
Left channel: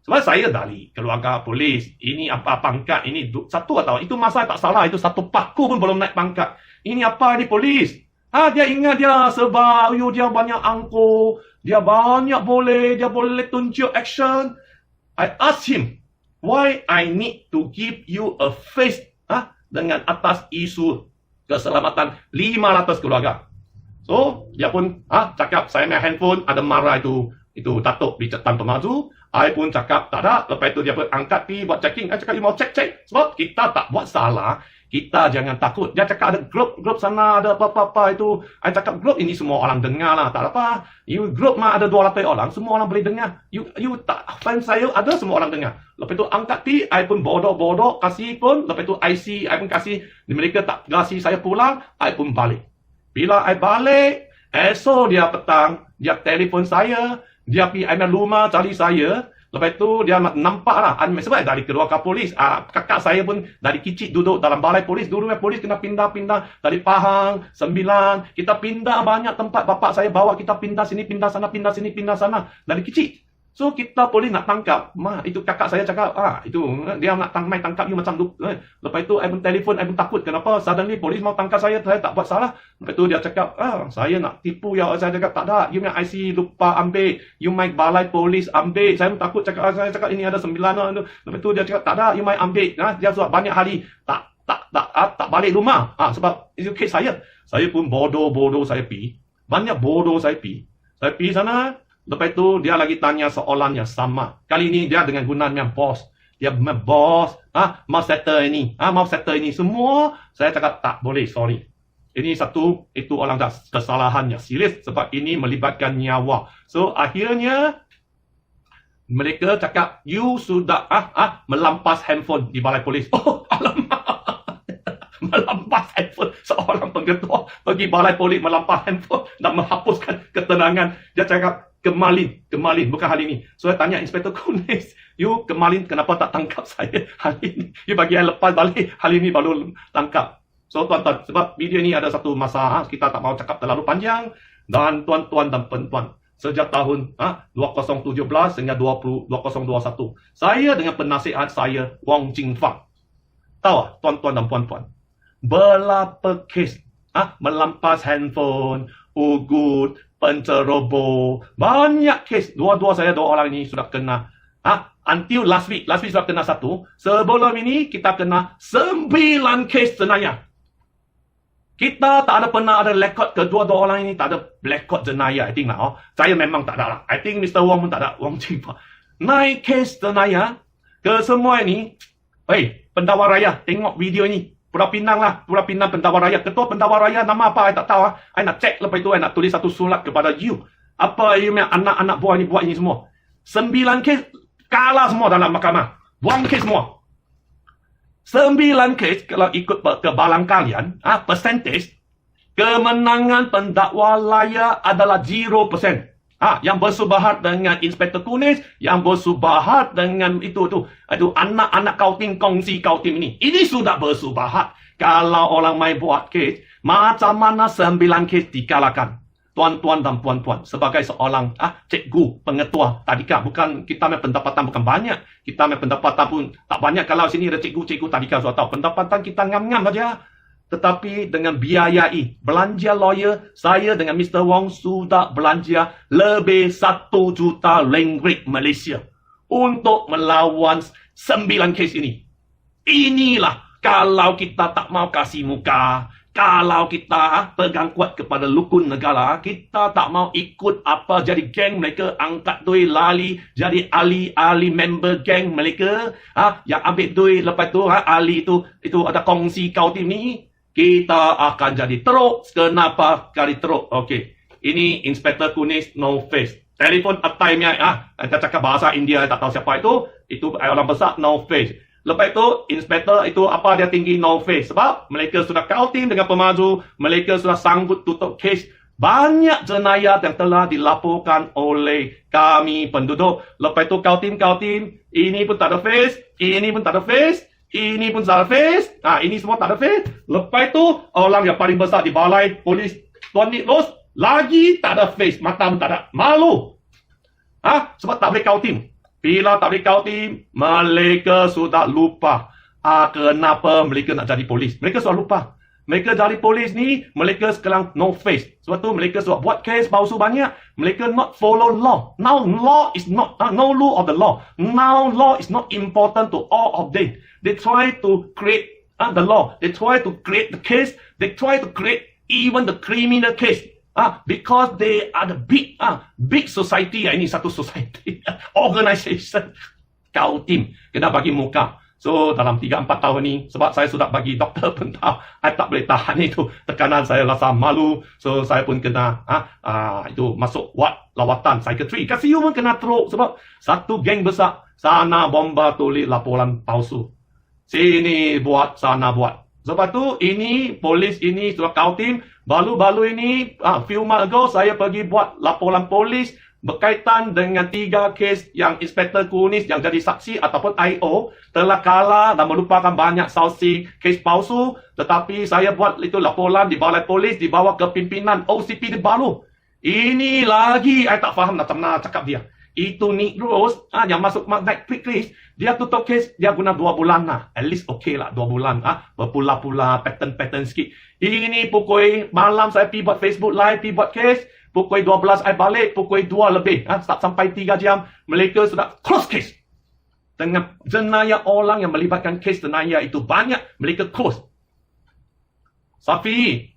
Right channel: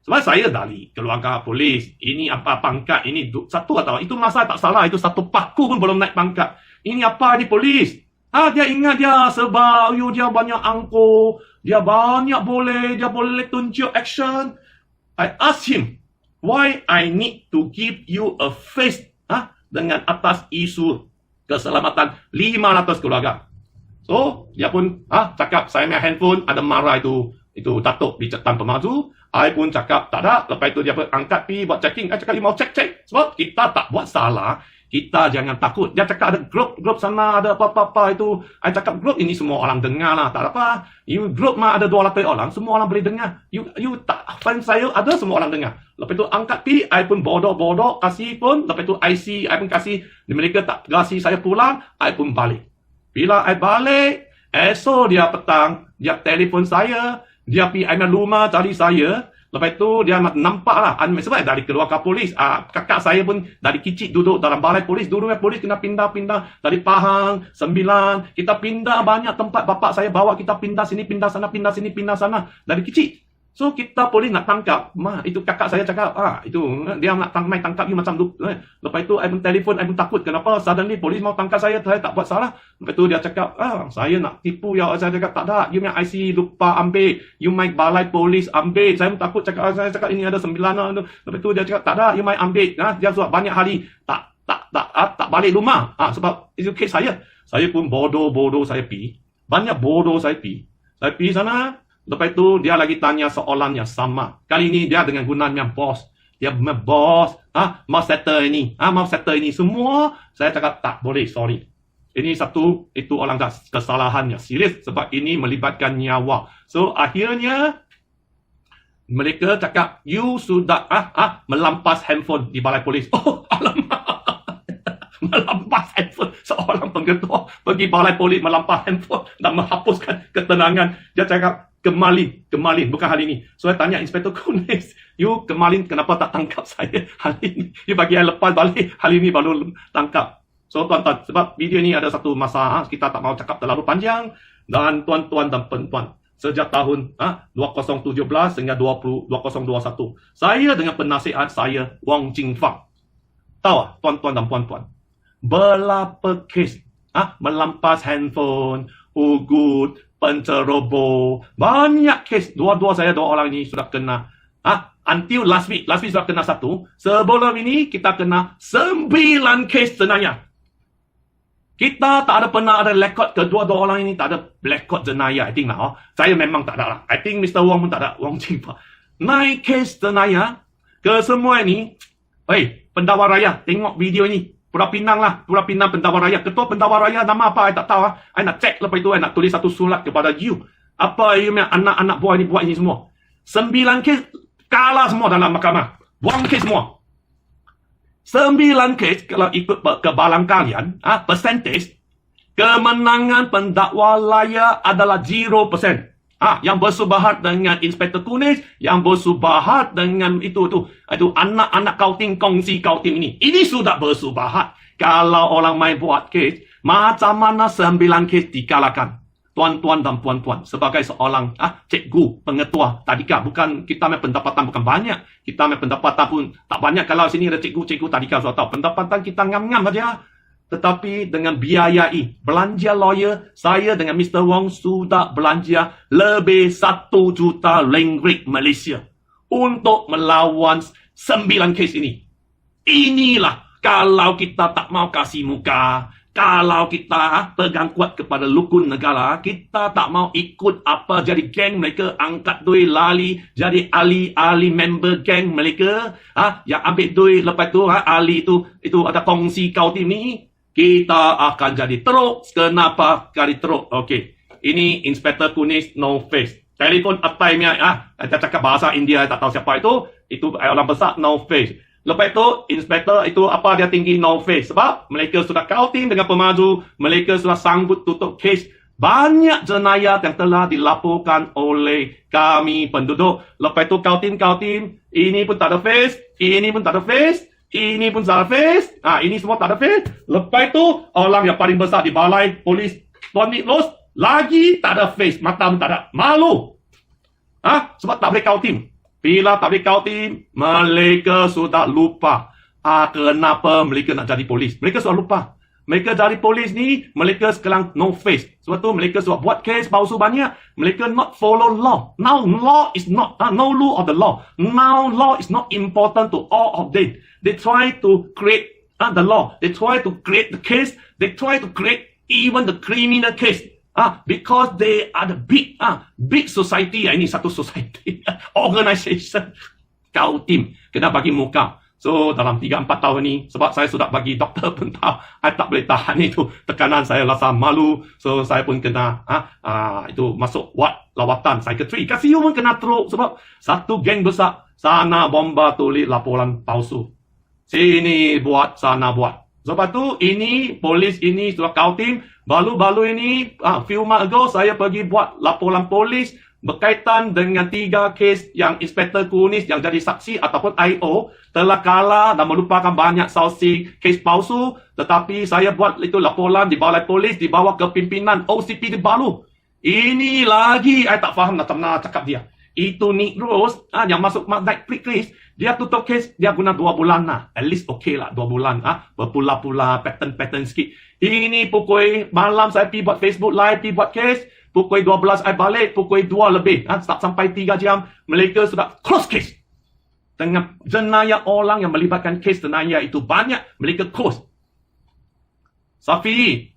sebab saya dari keluarga polis, ini apa pangkat, ini satu atau itu masa tak salah, itu satu paku pun belum naik pangkat. Ini apa, ini polis. Dia ingat dia sebab dia banyak angkuh, dia boleh tunjuk action. I asked him, why I need to give you a face dengan atas isu keselamatan 500 keluarga. So, dia pun cakap, saya main handphone, ada marah itu Datuk di tanpa maju. I pun cakap, tak ada. Lepas itu dia pun angkat pergi buat checking. I cakap, you mau cek. Sebab kita tak buat salah. Kita jangan takut. Dia cakap ada grup sana, ada apa-apa itu. I cakap, grup ini semua orang dengar lah. Tak apa. You grup ada 200 orang, semua orang boleh dengar. You tak, fan saya ada semua orang dengar. Lepas itu angkat pergi, I pun bodoh, kasih pun. Lepas itu IC, I pun kasih. Mereka tak kasih saya pulang, I pun balik. Bila I balik, esok dia petang, dia telefon saya, dia pergi rumah cari saya. Lepas tu dia nampak lah, sebab dari keluarga polis, kakak saya pun dari kecil duduk dalam balai polis. Dulu polis kena pindah-pindah dari Pahang, 9, kita pindah banyak tempat. Bapak saya bawa kita pindah sini, pindah sana, pindah sini, pindah sana dari kecil. So kita boleh nak tangkap. Itu kakak saya cakap, itu dia nak main tangkap you macam tu. Lepas itu I pun telefon, I pun takut. Kenapa suddenly polis mau tangkap saya tak buat salah. Lepas itu dia cakap, saya nak tipu ya. Saya cakap, tak ada. You punya IC lupa ambil. You main balai polis ambil. Saya pun takut cakap, saya cakap ini ada 9. Lepas itu dia cakap, tak ada. You main ambil. Dia suat banyak hari. Tak balik rumah. Sebab itu kes saya. Saya pun bodoh saya pergi. Banyak bodoh saya pergi. Saya pergi sana. Lepas itu dia lagi tanya soalan yang sama. Kali ini dia dengan gunanya bos. Dia bos, mau settle ini. Mau settle ini semua. Saya cakap tak boleh, sorry. Ini satu, itu orang dah kesalahan yang serius sebab ini melibatkan nyawa. So akhirnya mereka cakap you sudah melampas handphone di balai polis. Oh, alamak. Melampas handphone. Seorang pengetua pergi balai polis melampas handphone dan menghapuskan ketenangan. Dia cakap Kemalin, bukan hal ini. So, saya tanya Inspektor Kunis, you Kemalin kenapa tak tangkap saya hari ini? You bagi saya lepas balik, hari ini baru tangkap. So, tuan-tuan, sebab video ini ada satu masa, kita tak mau cakap terlalu panjang. Dan tuan-tuan dan puan-puan, sejak tahun 2017 hingga 2021, saya dengan penasihat saya, Wong Jing Fang. Tahu, tuan-tuan dan puan-puan, berapa kes melampas handphone, ugut, penceroboh, banyak kes. Dua orang ini sudah kena. Until last week sudah kena 1. Sebelum ini kita kena 9 kes jenayah. Kita tak ada pernah ada rekod kedua-dua orang ini, tak ada rekod jenayah. I think saya memang tak ada. I think Mr. Wong pun tak ada. Wong Jingpa. 9 kes jenayah ke semua ini. Pendakwa raya, tengok video ini. Pulau Pinang Pendakwa Raya. Ketua Pendakwa Raya nama apa? I tak tahu. I nak cek lepas itu I nak tulis satu surat kepada you. Apa you anak-anak buah ini buat ini semua. 9 kes kalah semua dalam mahkamah. 1 kes semua. 9 kes kalau ikut kebalan kalian, percentage kemenangan pendakwa raya adalah 0%. Yang bersubahat dengan Inspektor Kunis, yang bersubahat dengan itu anak-anak kauting kongsi kauting ini. Ini sudah bersubahat. Kalau orang main buat kes, macam mana 9 kes dikalahkan? Tuan-tuan dan puan-puan, sebagai seorang cikgu, pengetua tadika, bukan kita main pendapatan bukan banyak. Kita main pendapatan pun tak banyak. Kalau sini ada cikgu tadika, so tahu pendapatan kita ngam-ngam saja. tetapi dengan biayai belanja lawyer, saya dengan Mr. Wong sudah belanja lebih 1 juta ringgit Malaysia untuk melawan 9 kes ini. Inilah kalau kita tak mau kasih muka, kalau kita pegang kuat kepada rukun negara, kita tak mau ikut apa jadi geng mereka, angkat duit lali jadi ahli member geng mereka, yang ambil duit lepas tu ahli itu ada kongsi kau tim ni, kita akan jadi teruk. Kenapa kali teruk? Okey, ini Inspektor Kunis no face. Telefon atai ni, kita cakap bahasa India, tak tahu siapa itu orang besar no face. Lepas itu, inspektor itu apa dia tinggi no face. Sebab mereka sudah kautin dengan pemaju, mereka sudah sanggup tutup kes. Banyak jenayah yang telah dilaporkan oleh kami penduduk. Lepas itu kautin, ini pun tak ada face, ini pun tak ada face, ini pun tak ada face, ini semua tak ada face. Lepas itu, orang yang paling besar di balai polis, Tuan Nick Los, lagi tak ada face, mata pun tak ada. Malu. Sebab tak boleh kautin. Bila tak boleh kautin, mereka sudah lupa kenapa mereka nak jadi polis. Mereka sudah lupa. Mereka jadi polis ni, mereka sekarang no face. Sebab tu mereka sudah buat kes palsu banyak. Mereka not follow law. Now law is not, no rule of the law. Now law is not important to all of them. They try to create the law. They try to create the case. They try to create even the criminal case. Because they are the big society. Ini satu society, organisation. Kau tim kena bagi muka. So dalam 3-4 tahun ni, sebab saya sudah bagi doktor pun tahu, saya tak boleh tahan itu tekanan, saya rasa malu. So saya pun kena itu masuk ward lawatan psikiatri. Kasih pun kena teruk sebab satu geng besar sana bomba tulis laporan palsu. Sini buat, sana buat. Sebab tu ini polis ini sudah kautim. Baru-baru ini few months ago saya pergi buat laporan polis berkaitan dengan 3 kes yang Inspektor Kunis yang jadi saksi ataupun IO telah kalah dan melupakan banyak saksi kes palsu. Tetapi saya buat itu laporan di balai polis di bawah kepimpinan OCPD baru. Ini lagi saya tak faham macam mana cakap dia. Itu Nick Rose yang masuk naik quick list, dia tutup kes dia guna 2 bulan at least okey lah 2 bulan berpula-pula pattern sikit. Ini pukul malam saya pergi buat Facebook live, pergi buat kes, pukul 12 saya balik, pukul 2 lebih start sampai 3 jam mereka sudah close case. Dengan jenayah orang yang melibatkan kes jenayah itu banyak, mereka close. Safi,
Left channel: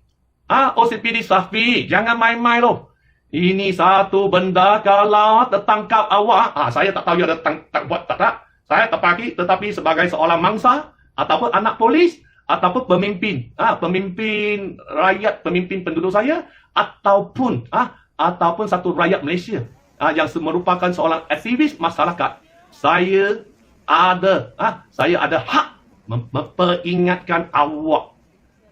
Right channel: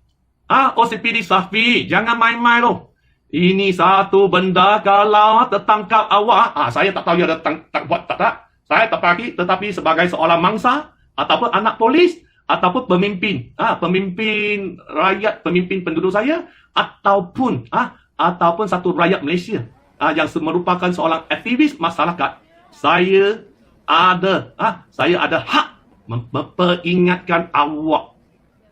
OCPD Safi, jangan main-main loh. Ini satu benda kalau tertangkap awak, saya tak tahu dia ada buat tak ada. Saya tak pagi, tetapi sebagai seorang mangsa ataupun anak polis ataupun pemimpin, pemimpin rakyat, pemimpin penduduk saya ataupun satu rakyat Malaysia yang merupakan seorang aktivis masyarakat, saya ada hak memperingatkan awak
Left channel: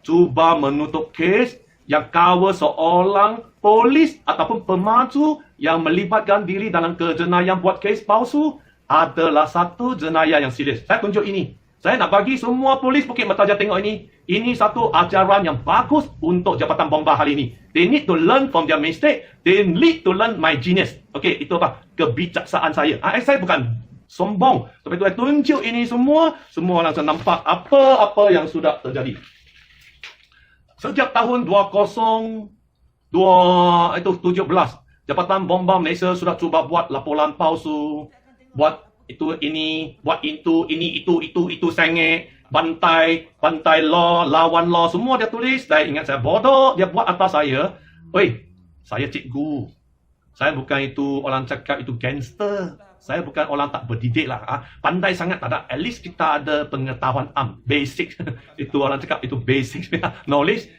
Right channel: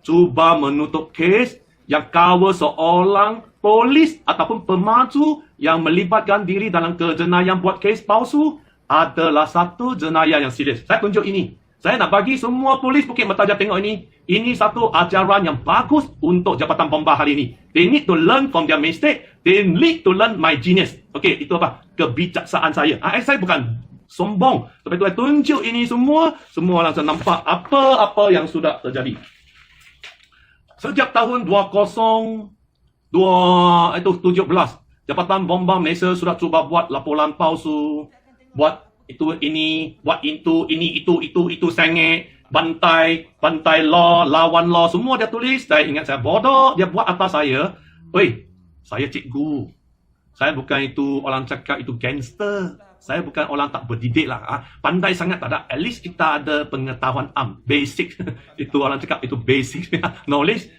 cuba menutup kes yang cover seorang polis ataupun pemaju yang melibatkan diri dalam kejenayah buat kes palsu adalah satu jenayah yang serius. Saya tunjuk ini. Saya nak bagi semua polis Bukit Mertaja tengok ini. Ini satu ajaran yang bagus untuk Jabatan Bomba hari ini. They need to learn from their mistake. They need to learn my genius. Okey, itu apa? Kebijaksaan saya. Saya bukan sombong. Tapi itu saya tunjuk ini semua langsung nampak apa yang sudah terjadi. Sejak tahun 2017, Jabatan Bomba Malaysia sudah cuba buat laporan palsu, buat itu ini, buat itu sengit, bantai law, lawan law, semua dia tulis. Saya ingat saya bodoh, dia buat atas saya. Oi, saya cikgu. Saya bukan itu orang cakap itu gangster. Saya bukan orang tak berdidik lah. Pandai sangat tak ada. At least kita ada pengetahuan basic. Itu orang cakap itu basic knowledge.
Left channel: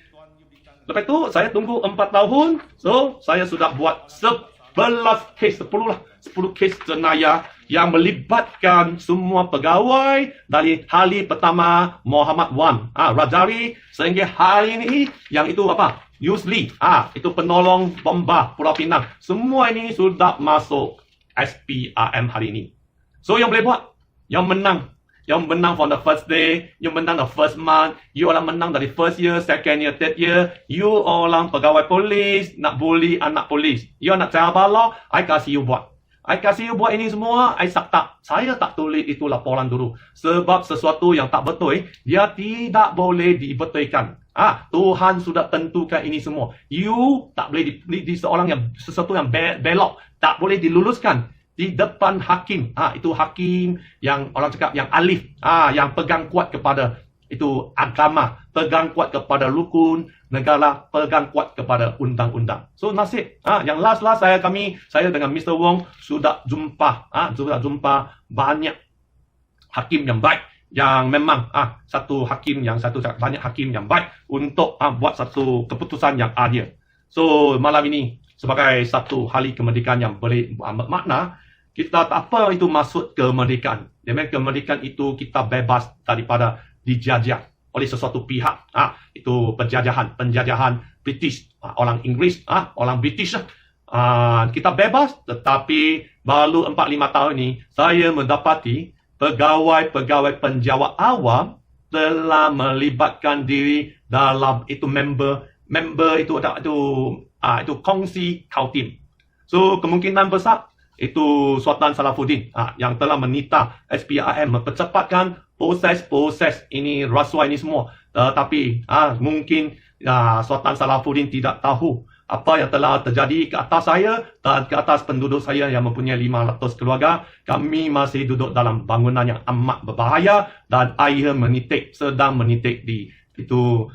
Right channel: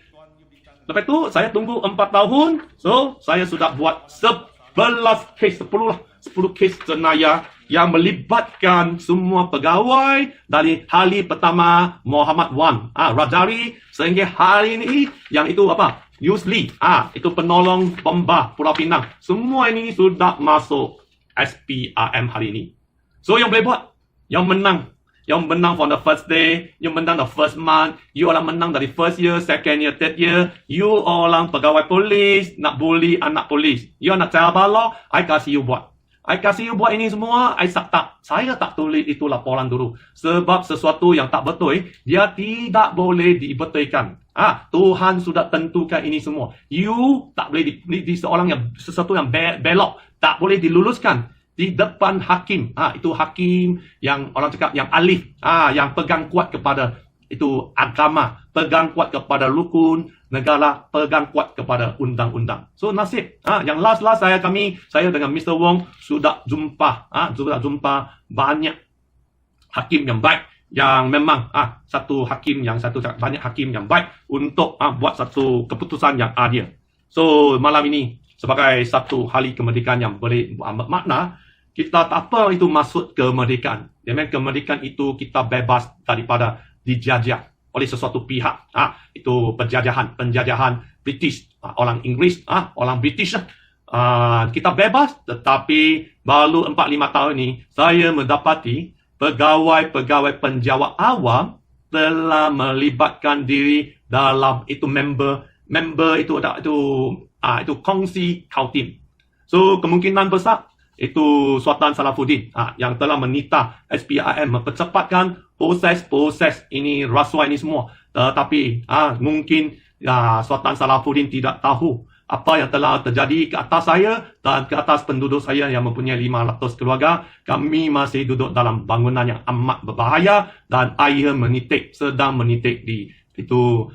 Lepas tu saya tunggu 4 tahun. So saya sudah buat 11 kes, 10 kes jenayah yang melibatkan semua pegawai dari hari pertama Muhammad Wan Rajari sehingga hari ini yang itu apa? Yusli, itu penolong bomba Pulau Pinang. Semua ini sudah masuk SPRM hari ini. So yang boleh buat, yang menang from the first day, yang menang the first month, you orang menang dari first year, second year, third year, you orang pegawai polis, nak bully anak polis, you nak cara bala, I kasih you buat. I kasih you buat ini semua, saya tak tulis itu laporan dulu. Sebab sesuatu yang tak betul, dia tidak boleh dibetulkan. Tuhan sudah tentukan ini semua. You tak boleh di seorang yang sesuatu yang belok, tak boleh diluluskan di depan hakim. Itu hakim yang orang cakap yang alif, yang pegang kuat kepada itu agama, pegang kuat kepada rukun negara, pegang kuat kepada undang-undang. So nasib, yang last saya dengan Mr. Wong sudah jumpa banyak hakim yang baik, yang memang banyak hakim yang baik untuk buat satu keputusan yang adil. So malam ini sebagai satu hari kemerdekaan yang boleh bermakna, kita tak apa itu maksud kemerdekaan. Dengan kemerdekaan itu kita bebas daripada dijajah oleh sesuatu pihak. Itu penjajahan British, orang Inggris, orang British. Kita bebas, tetapi baru 4-5 tahun ini saya mendapati pegawai-pegawai penjawat awam telah melibatkan diri dalam itu member itu kongsi Kaltim. So kemungkinan besar itu Sultan Salafuddin yang telah menita SPRM mempercepatkan proses ini rasuah ini semua. Tetapi mungkin Sultan Salafuddin tidak tahu apa yang telah terjadi ke atas saya dan ke atas penduduk saya yang mempunyai 500 keluarga. Kami masih duduk dalam bangunan yang amat berbahaya dan air sedang menitik di itu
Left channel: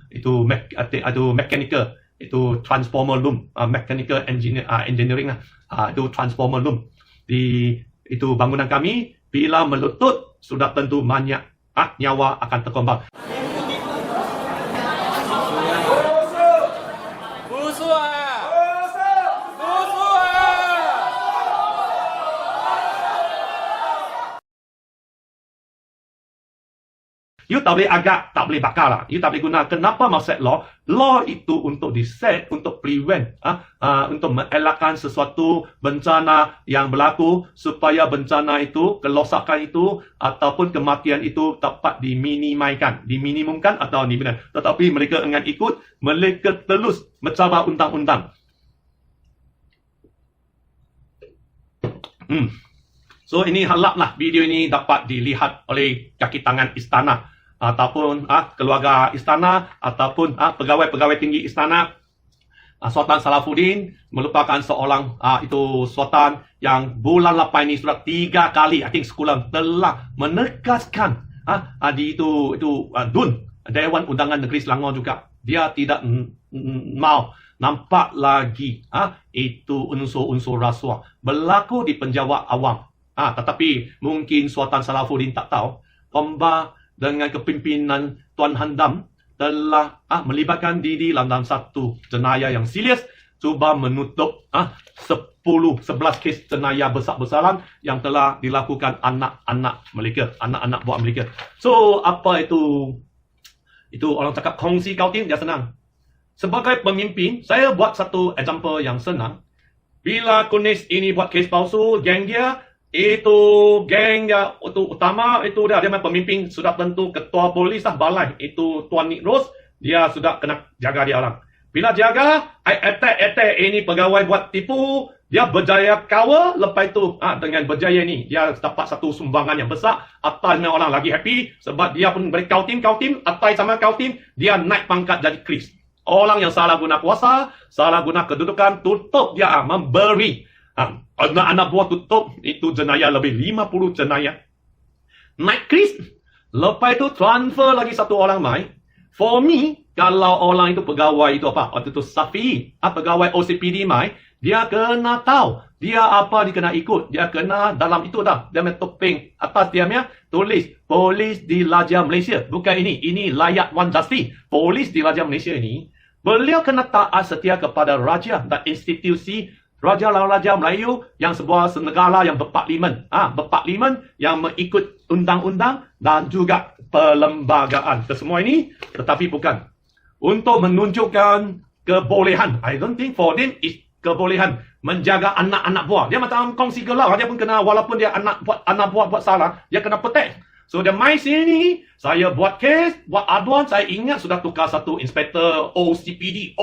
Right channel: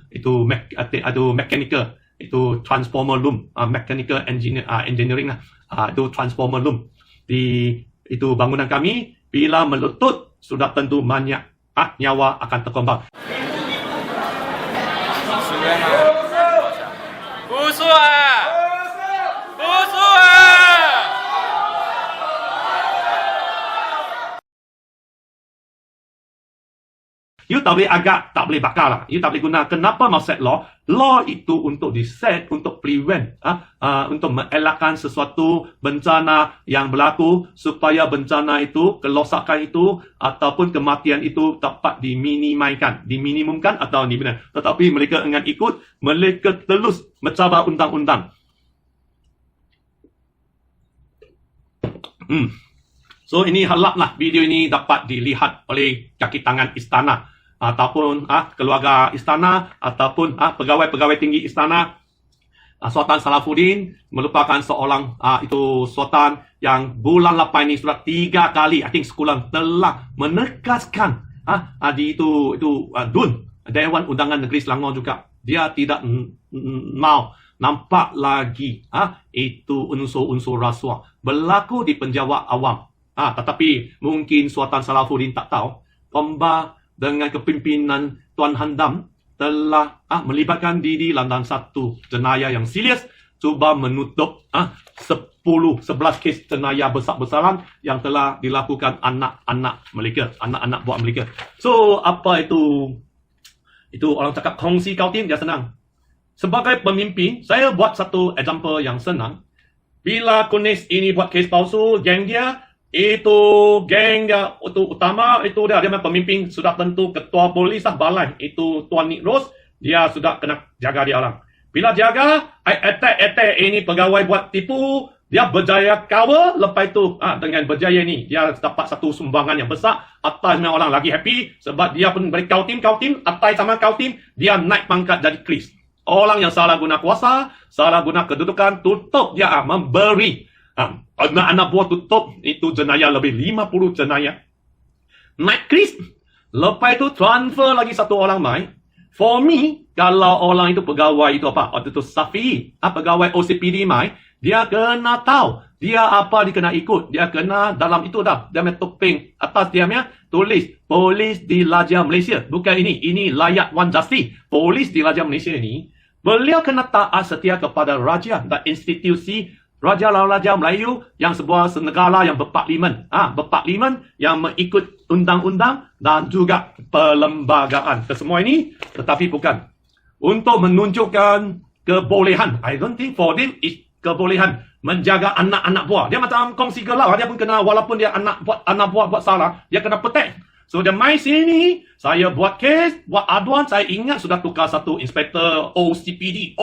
mechanical, itu transformer room, mechanical engineering, itu transformer room di itu bangunan kami. Bila meletup sudah tentu banyak nyawa akan tertumbang. You tak boleh agak, tak boleh bakar lah. You tak boleh guna. Kenapa mau set law? Law itu untuk di-set, untuk prevent, untuk mengelakkan sesuatu bencana yang berlaku supaya bencana itu, kerosakan itu, ataupun kematian itu dapat diminimumkan atau dibina. Tetapi mereka ingin ikut, mereka terus mencabar undang-undang. So ini haraplah video ini dapat dilihat oleh kaki tangan istana, ataupun keluarga istana, ataupun pegawai-pegawai tinggi istana. Sultan Salafuddin merupakan seorang itu sultan yang bulan lepas ini sudah 3 kali sekolah telah menegaskan di itu DUN, Dewan Undangan Negeri Selangor juga, dia tidak mau nampak lagi itu unsur-unsur rasuah berlaku di penjawat awam. Tetapi mungkin Sultan Salafuddin tak tahu Pemba dengan kepimpinan Tuan Handam telah melibatkan diri dalam satu jenayah yang serius, cuba menutup 11 kes jenayah besar-besaran yang telah dilakukan anak-anak mereka, anak-anak buah mereka. So apa itu orang cakap kongsi Kaltim, dia senang. Sebagai pemimpin, saya buat satu example yang senang. Bila Kunis ini buat kes palsu, geng dia itu utama, itu dia pemimpin sudah tentu ketua polis balai, itu Tuan Nick Rose, dia sudah kena jaga dia orang. Bila jaga, attack ini pegawai buat tipu, dia berjaya cover, lepas itu dengan berjaya ni dia dapat satu sumbangan yang besar. Atai memang orang lagi happy sebab dia pun beri Kaltim, atai sama Kaltim, dia naik pangkat jadi Kris. Orang yang salah guna kuasa, salah guna kedudukan, tutup dia memberi. Anak-anak buah tutup, itu jenayah lebih 50 jenayah. Naik Kris, lepas itu transfer lagi satu orang main. For me, kalau orang itu pegawai itu waktu itu Safi, pegawai OCPD main, dia kena tahu, dia kena ikut, dia kena dalam itu dah, dia punya topeng atas dia punya tulis Polis Diraja Malaysia. Bukan ini layak Wan Justice. Polis Diraja Malaysia ini, beliau kena taat setia kepada raja dan institusi Raja Melayu yang sebuah negara yang berparlimen. Berparlimen yang mengikut undang-undang dan juga perlembagaan. Kesemua ini, tetapi bukan untuk menunjukkan kebolehan. I don't think for them is kebolehan menjaga anak-anak buah. Dia macam kongsi gelar. Dia pun kena, walaupun dia anak buah buat salah, dia kena petek. So dia main sini, saya buat kes, buat aduan, saya ingat sudah tukar satu inspektor ACPD.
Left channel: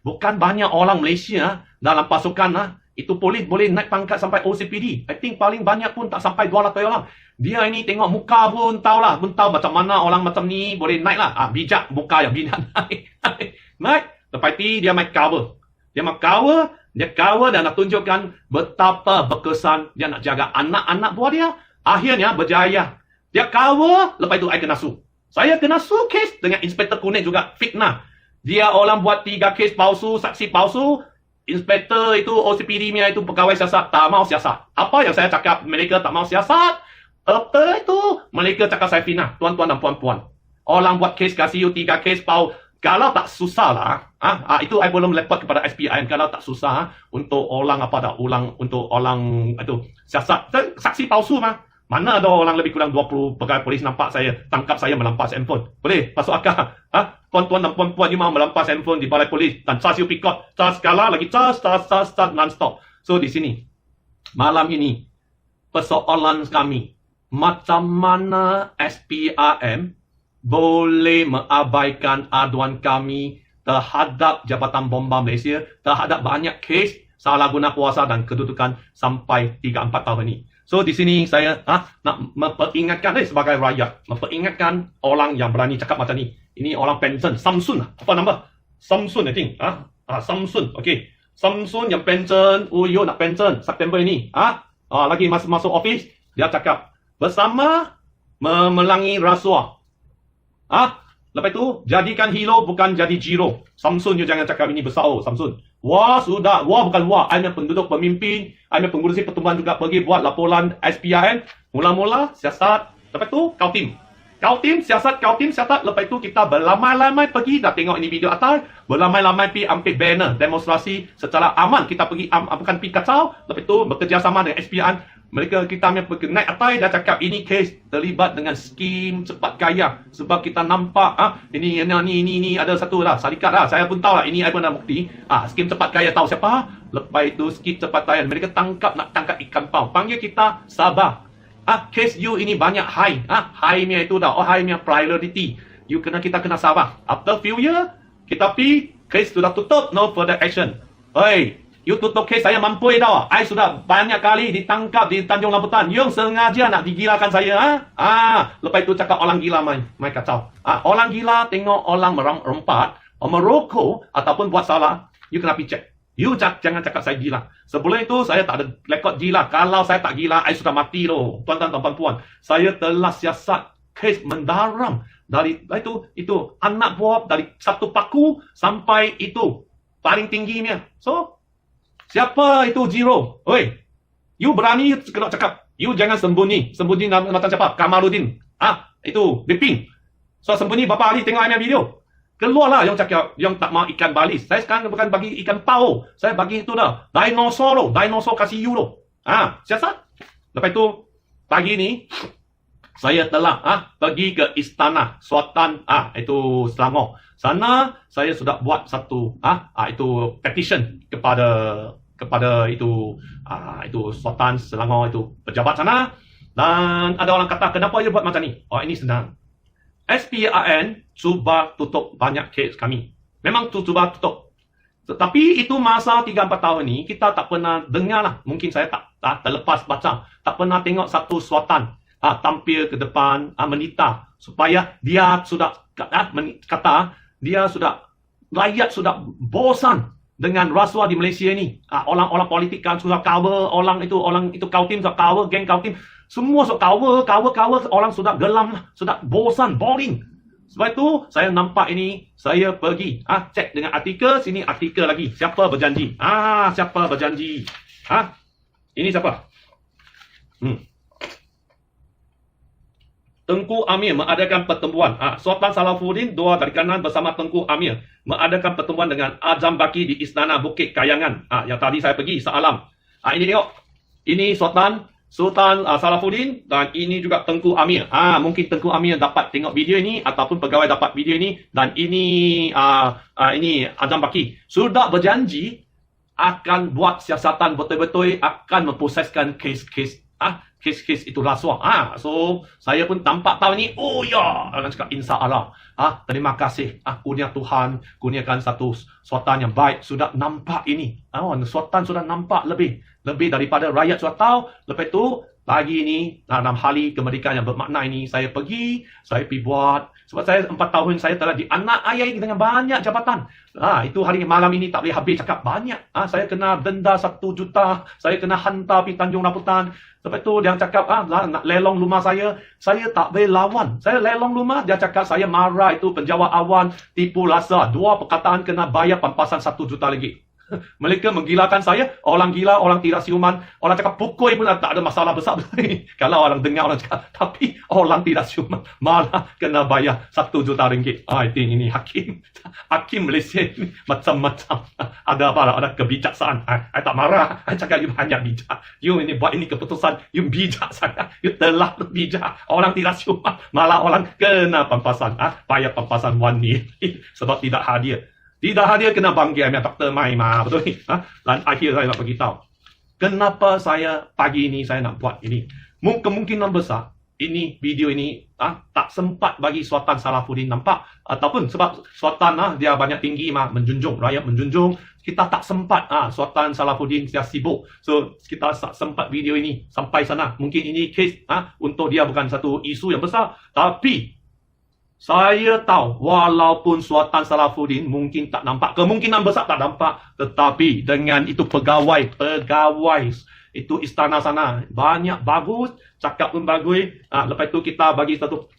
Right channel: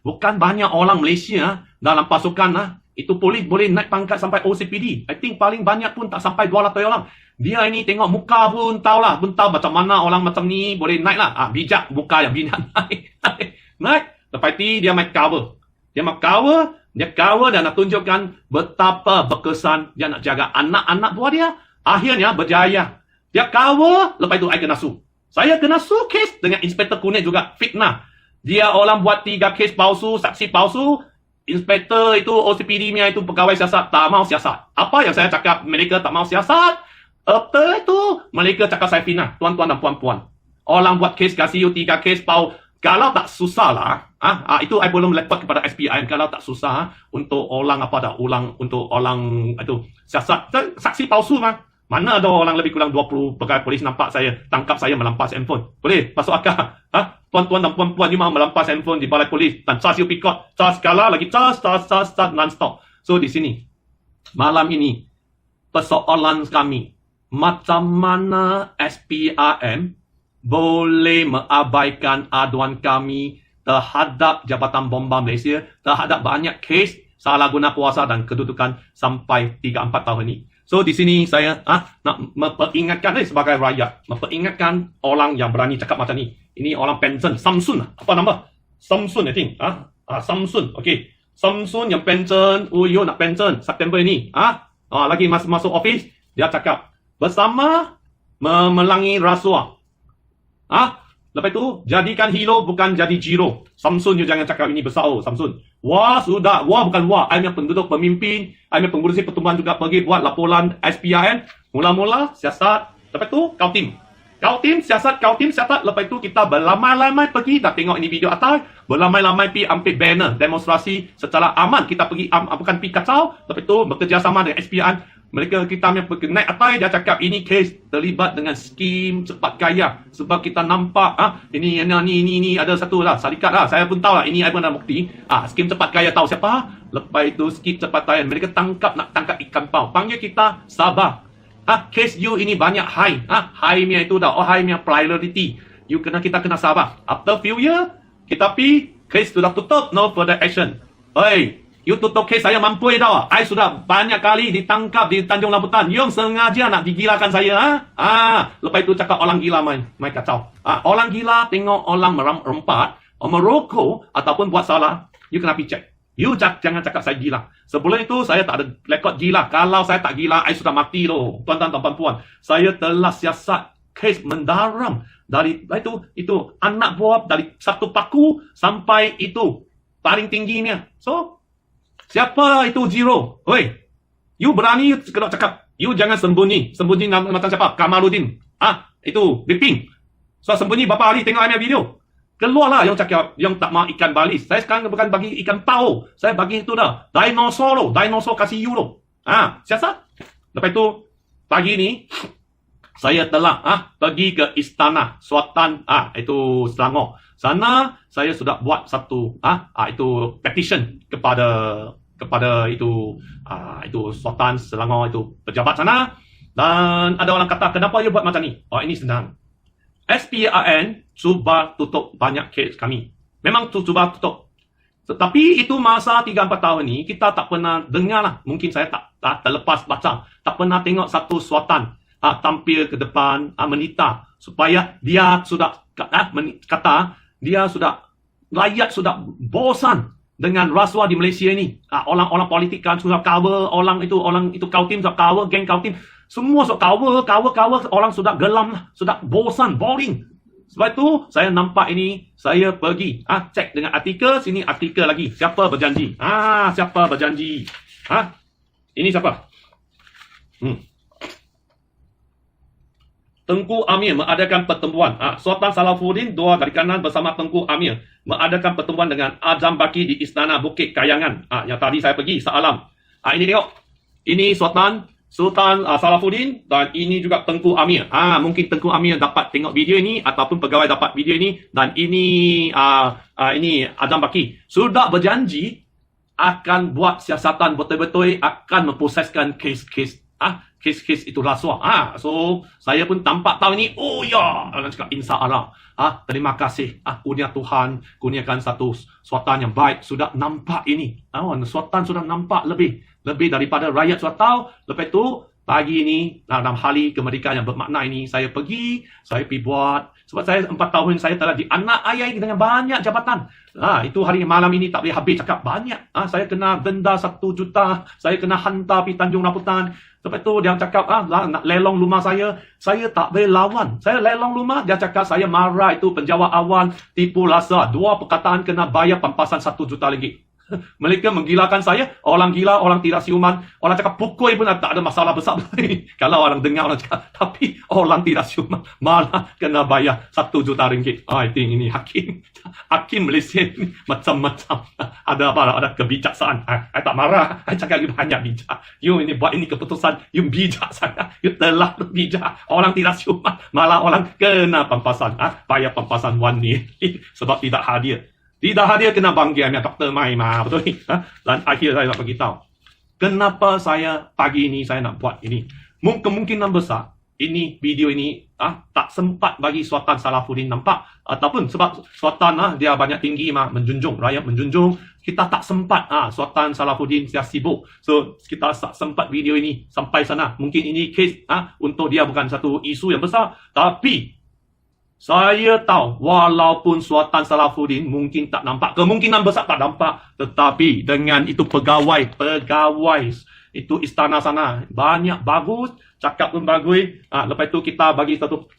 Bukan banyak orang Malaysia dalam pasukan itu polis boleh naik pangkat sampai OCPD. I think paling banyak pun tak sampai 200 orang. Dia ini tengok muka pun tahulah, pun tahu macam mana orang macam ni boleh naik lah. Bijak muka yang bijak naik. Naik. Lepas tu dia make cover. Dia cover dan nak tunjukkan betapa berkesan dia nak jaga anak-anak buah dia. Akhirnya berjaya. Dia cover, lepas itu I kena su. Saya kena su kes dengan Inspektor Kuning juga fitnah. Dia orang buat 3 kes palsu, saksi palsu. Inspektor itu OCPD punya itu pegawai siasat tak mau siasat. Apa yang saya cakap mereka tak mau siasat? Apa itu? Mereka cakap saya fitnah. Tuan-tuan dan puan-puan. Orang buat kes kasih 3 kes pau. Kalau tak susah lah. Itu I belum lepot kepada SPIM. Kalau tak susah untuk orang untuk orang itu siasat. Saksi palsu bang. Mana ada orang lebih kurang 20 pegawai polis nampak saya, tangkap saya melampas handphone. Boleh? Masuk akal? Tuan-tuan dan puan-puan ni mahu melampas handphone di balai polis. Dan charge you pikot. Charge skala lagi charge non-stop. So di sini, malam ini, persoalan kami. Macam mana SPRM boleh mengabaikan aduan kami terhadap Jabatan Bomba Malaysia, terhadap banyak kes salah guna kuasa dan kedudukan sampai 3-4 tahun ini. So di sini saya nak memperingatkan sebagai rakyat, memperingatkan orang yang berani cakap macam ni. Ini orang pension, Samsun, apa nama? Samsun I think. Samsun, okey. Samsun yang pension, you nak pension September ini. Lagi masuk office, dia cakap bersama memelangi rasuah. Lepas tu jadikan hero bukan jadi jiro. Samsun, you jangan cakap ini besar Samsun. Wah sudah, bukan wah. I punya penduduk pemimpin, I punya pengurusi pertumbuhan juga pergi buat laporan SPIM. Mula-mula siasat, lepas tu kau tim siasat. Lepas tu kita berlamai-lamai pergi, dah tengok ini video atas, berlamai-lamai pergi ambil banner demonstrasi secara aman. Kita pergi bukan pergi kacau. Lepas tu bekerjasama dengan SPIM. Kita naik atas, dia cakap ini kes terlibat dengan skim cepat kaya. Sebab kita nampak ini ada satu lah syarikat lah. Saya pun tahu lah, ini I pun ada bukti. Skim cepat kaya tahu siapa? Lepas itu skim cepat kaya, mereka nak tangkap ikan pau. Panggil kita sabar. Kes you ini banyak high. High-nya itu dah, high-nya priority. Kita kena sabar. After few year, kita pergi, kes sudah tutup, no further action. You tutup kes saya mampu dah. I sudah banyak kali ditangkap di Tanjung Rambutan. You sengaja nak digilakan saya. Lepas itu cakap orang gila main kacau. Orang gila tengok orang merompat, merokok ataupun buat salah, you kena pergi cek. You jangan cakap saya gila. Sebelum itu saya tak ada rekod gila. Kalau saya tak gila, I sudah mati loh. Tuan-tuan dan puan-puan. Saya telah siasat kes mendaram dari itu anak buah dari satu paku sampai itu paling tingginya. So siapa itu Zero? You berani kena cakap. You jangan sembunyi. Sembunyi macam siapa? Kamarudin. Itu Diping. So sembunyi berapa hari tengok I video. Keluarlah yang cakap yang tak mahu ikan balis. Saya sekarang bukan bagi ikan pau. Saya bagi itu dah. Dinosaur kasih you loh. Siasat. Lepas itu pagi ni saya telah pergi ke Istana Sultan itu Selangor. Sana saya sudah buat satu itu petition kepada itu Sultan Selangor itu pejabat sana, dan ada orang kata kenapa you buat macam ni? Ini senang. SPRN cuba tutup banyak kes kami. Memang cuba tutup. Tetapi itu masa 3-4 tahun ni kita tak pernah dengar lah. Mungkin saya tak terlepas baca. Tak pernah tengok satu Sultan tampil ke depan menita supaya dia sudah kata dia sudah rakyat sudah bosan dengan rasuah di Malaysia ni. Orang-orang politikan sudah cover, orang itu Kautim sudah cover, geng Kautim semua sudah cover, orang sudah gelam lah, sudah bosan, boring. Sebab itu saya nampak ini, saya pergi cek dengan artikel, sini artikel lagi. Siapa berjanji? Siapa berjanji? Ini siapa? Tengku Amir mengadakan pertemuan. Sultan Salafuddin dua dari kanan bersama Tengku Amir mengadakan pertemuan dengan Azam Baki di Istana Bukit Kayangan. Yang tadi saya pergi semalam. Ini tengok. Ini Sultan Salafuddin dan ini juga Tengku Amir. Mungkin Tengku Amir dapat tengok video ini ataupun pegawai dapat video ini, dan ini Azam Baki sudah berjanji akan buat siasatan betul-betul, akan memproseskan kes-kes kes-kes itu rasuah. So saya pun tampak tahu ini. Oh ya, orang cakap insya Allah. Terima kasih. Kurnia Tuhan, kurniakan satu suatan yang baik. Sudah nampak ini. Suatan sudah nampak lebih daripada rakyat sudah tahu. Lepas tu pagi ini dalam hari kemerdekaan yang bermakna ini saya pergi buat. Sebab saya 4 tahun saya telah dianak ayah dengan banyak jabatan. Itu hari malam ini tak boleh habis cakap banyak. Saya kena denda 1 juta. Saya kena hantar pergi Tanjung Rambutan. Lepas tu dia cakap nak lelong rumah saya tak boleh lawan. Saya lelong rumah, dia cakap saya marah, itu penjawat awal, tipu rasa. 2 perkataan kena bayar pampasan 1 juta ringgit. Mereka menggilakan saya, orang gila, orang tidak siuman, orang cakap pukul pun tak ada masalah besar. Kalau orang dengar orang cakap, tapi orang tidak siuman malah kena bayar 1 juta ringgit. I think ini hakim Malaysia ni macam-macam. Ada kebijaksaan. I tak marah, I cakap you hanya bijak. You ini buat ini keputusan, you bijak sangat. You telah bijak. Orang tidak siuman, malah orang kena pampasan. Bayar pampasan 1 ni sebab tidak hadir. Tidak hadir kena panggil Dr. Mai betul ni. Dan akhir saya nak beritahu. Kenapa saya pagi ini saya nak buat ini? Kemungkinan besar ini video ini tak sempat bagi Sultan Salafuddin nampak, ataupun sebab Sultan dia banyak tinggi menjunjung, rakyat menjunjung. Kita tak sempat Sultan Salafuddin dia sibuk. So kita tak sempat video ini sampai sana. Mungkin ini kes untuk dia bukan satu isu yang besar, tapi saya tahu walaupun Sultan Salafuddin mungkin tak nampak, kemungkinan besar tak nampak, tetapi dengan itu pegawai itu istana sana banyak bagus, cakap pun bagus. Lepas itu kita bagi satu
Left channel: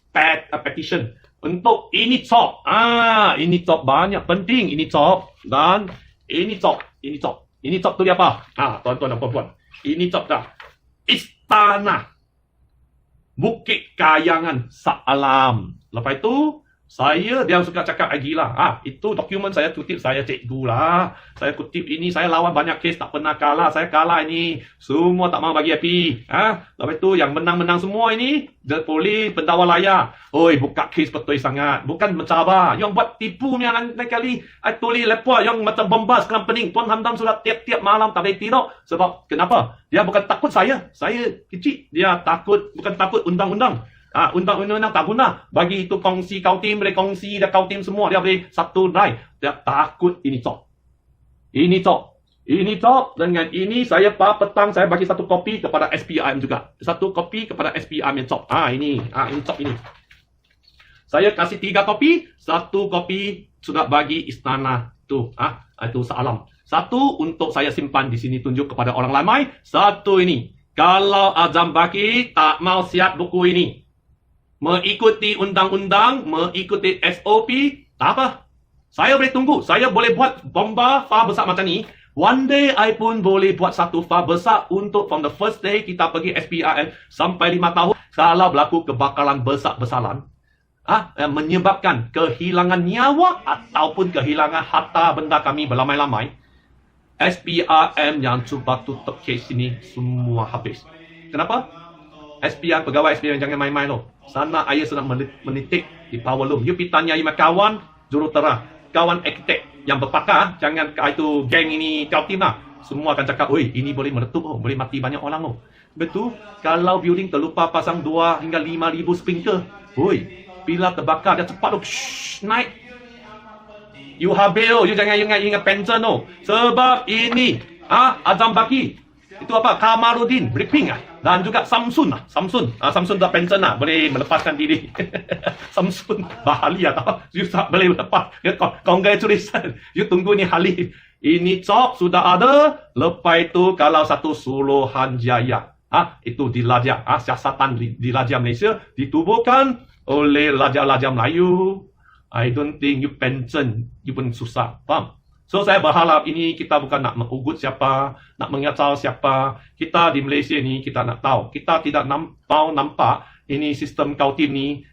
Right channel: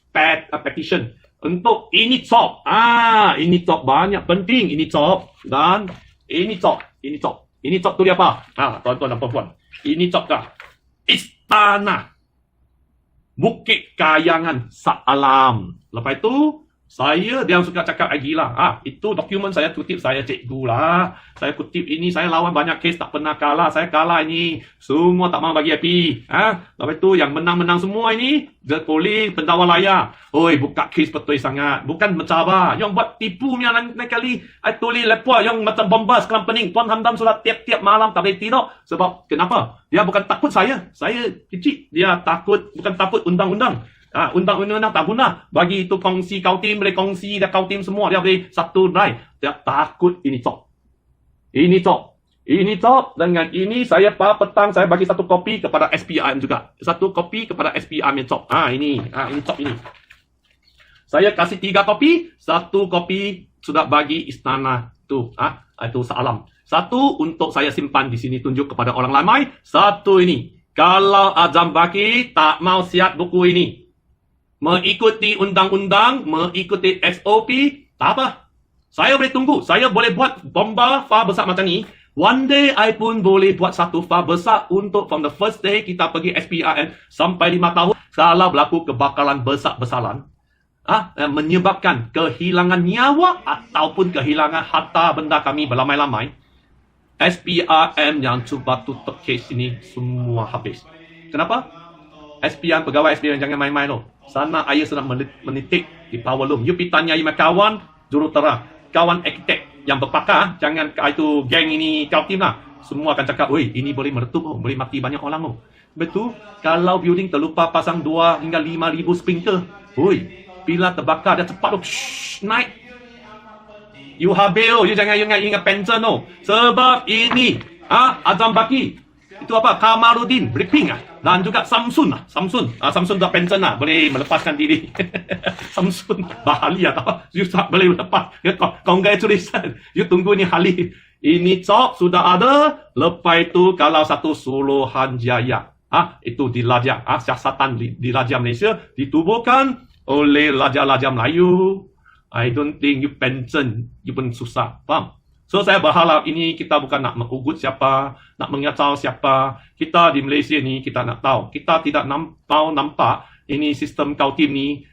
petition untuk ini top. Ini top banyak penting, ini top dan ini top. Ini top tu dia apa? Tuan-tuan dan puan-puan. Ini top dah. Istana Bukit Kayangan Shah Alam. Lepas itu, saya dia suka cakap lagi lah. Itu dokumen saya kutip, saya cikgu lah. Saya kutip ini, saya lawan banyak kes, tak pernah kalah. Saya kalah ini. Semua tak mau bagi api. Lepas itu, yang menang-menang semua ini, polis, pendakwa layar. Oi, buka kes betul sangat. Bukan mencabar. Yang buat tipu ni lain kali. Tulis lepua yang macam bombas, kelam pening. Puan Hamdan sudah tiap-tiap malam tak boleh tidur. Sebab, kenapa? Dia bukan takut saya. Saya kecil. Dia bukan takut undang-undang. Undang-undang tak guna. Bagi itu kongsi kautim, boleh kongsi dan kautim semua. Dia boleh satu drive. Dia takut ini top. Ini top. Dengan ini saya petang saya bagi satu kopi kepada SPRM juga. Satu kopi kepada SPRM yang top. Ini top ini. Saya kasih 3 kopi. 1 kopi sudah bagi istana tu. Itu Shah Alam. 1 untuk saya simpan di sini, tunjuk kepada orang ramai. 1 ini. Kalau Azam Baki tak mau siap buku ini, mengikuti undang-undang, mengikuti SOP, tak apa. Saya boleh tunggu. Saya boleh buat bomba far besar macam ni. One day, I pun boleh buat satu far besar untuk from the first day kita pergi SPRM sampai 5 tahun. Kalau berlaku kebakaran besar-besaran, menyebabkan kehilangan nyawa ataupun kehilangan harta benda kami beramai-ramai, SPRM yang cuba tutup kes ini semua habis. Kenapa? SPRM, pegawai SPRM jangan main-main loh. Sana ayah sedang menitik di power loom. You pergi tanya kawan jurutera, kawan arkitek yang berpakar, jangan itu geng ini kau tim lah. Semua akan cakap, oi ini boleh meletup, boleh mati banyak orang loh. Betul? Kalau building terlupa pasang 2 hingga 5,000 sprinkler, oi bila terbakar dia cepat loh, naik. You habil, you jangan ingat pension tu. Sebab ini, Azam Baki. Itu apa? Kamarudin, Briefing dan juga Samsun dah pension boleh melepaskan diri. Samsun, bahagia. You tak boleh lepas. Congratulations. You tunggu ni hari. Ini cop sudah ada. Lepas itu kalau satu Suruhanjaya. Itu di Raja, siasatan di Raja Malaysia ditubuhkan oleh Raja-Raja Melayu. I don't think you pension, you pun susah. Faham? So saya berharap ini kita bukan nak mengugut siapa, nak mengacau siapa. Kita di Malaysia ni kita nak tahu. Kita tidak nampak ini sistem kautim ni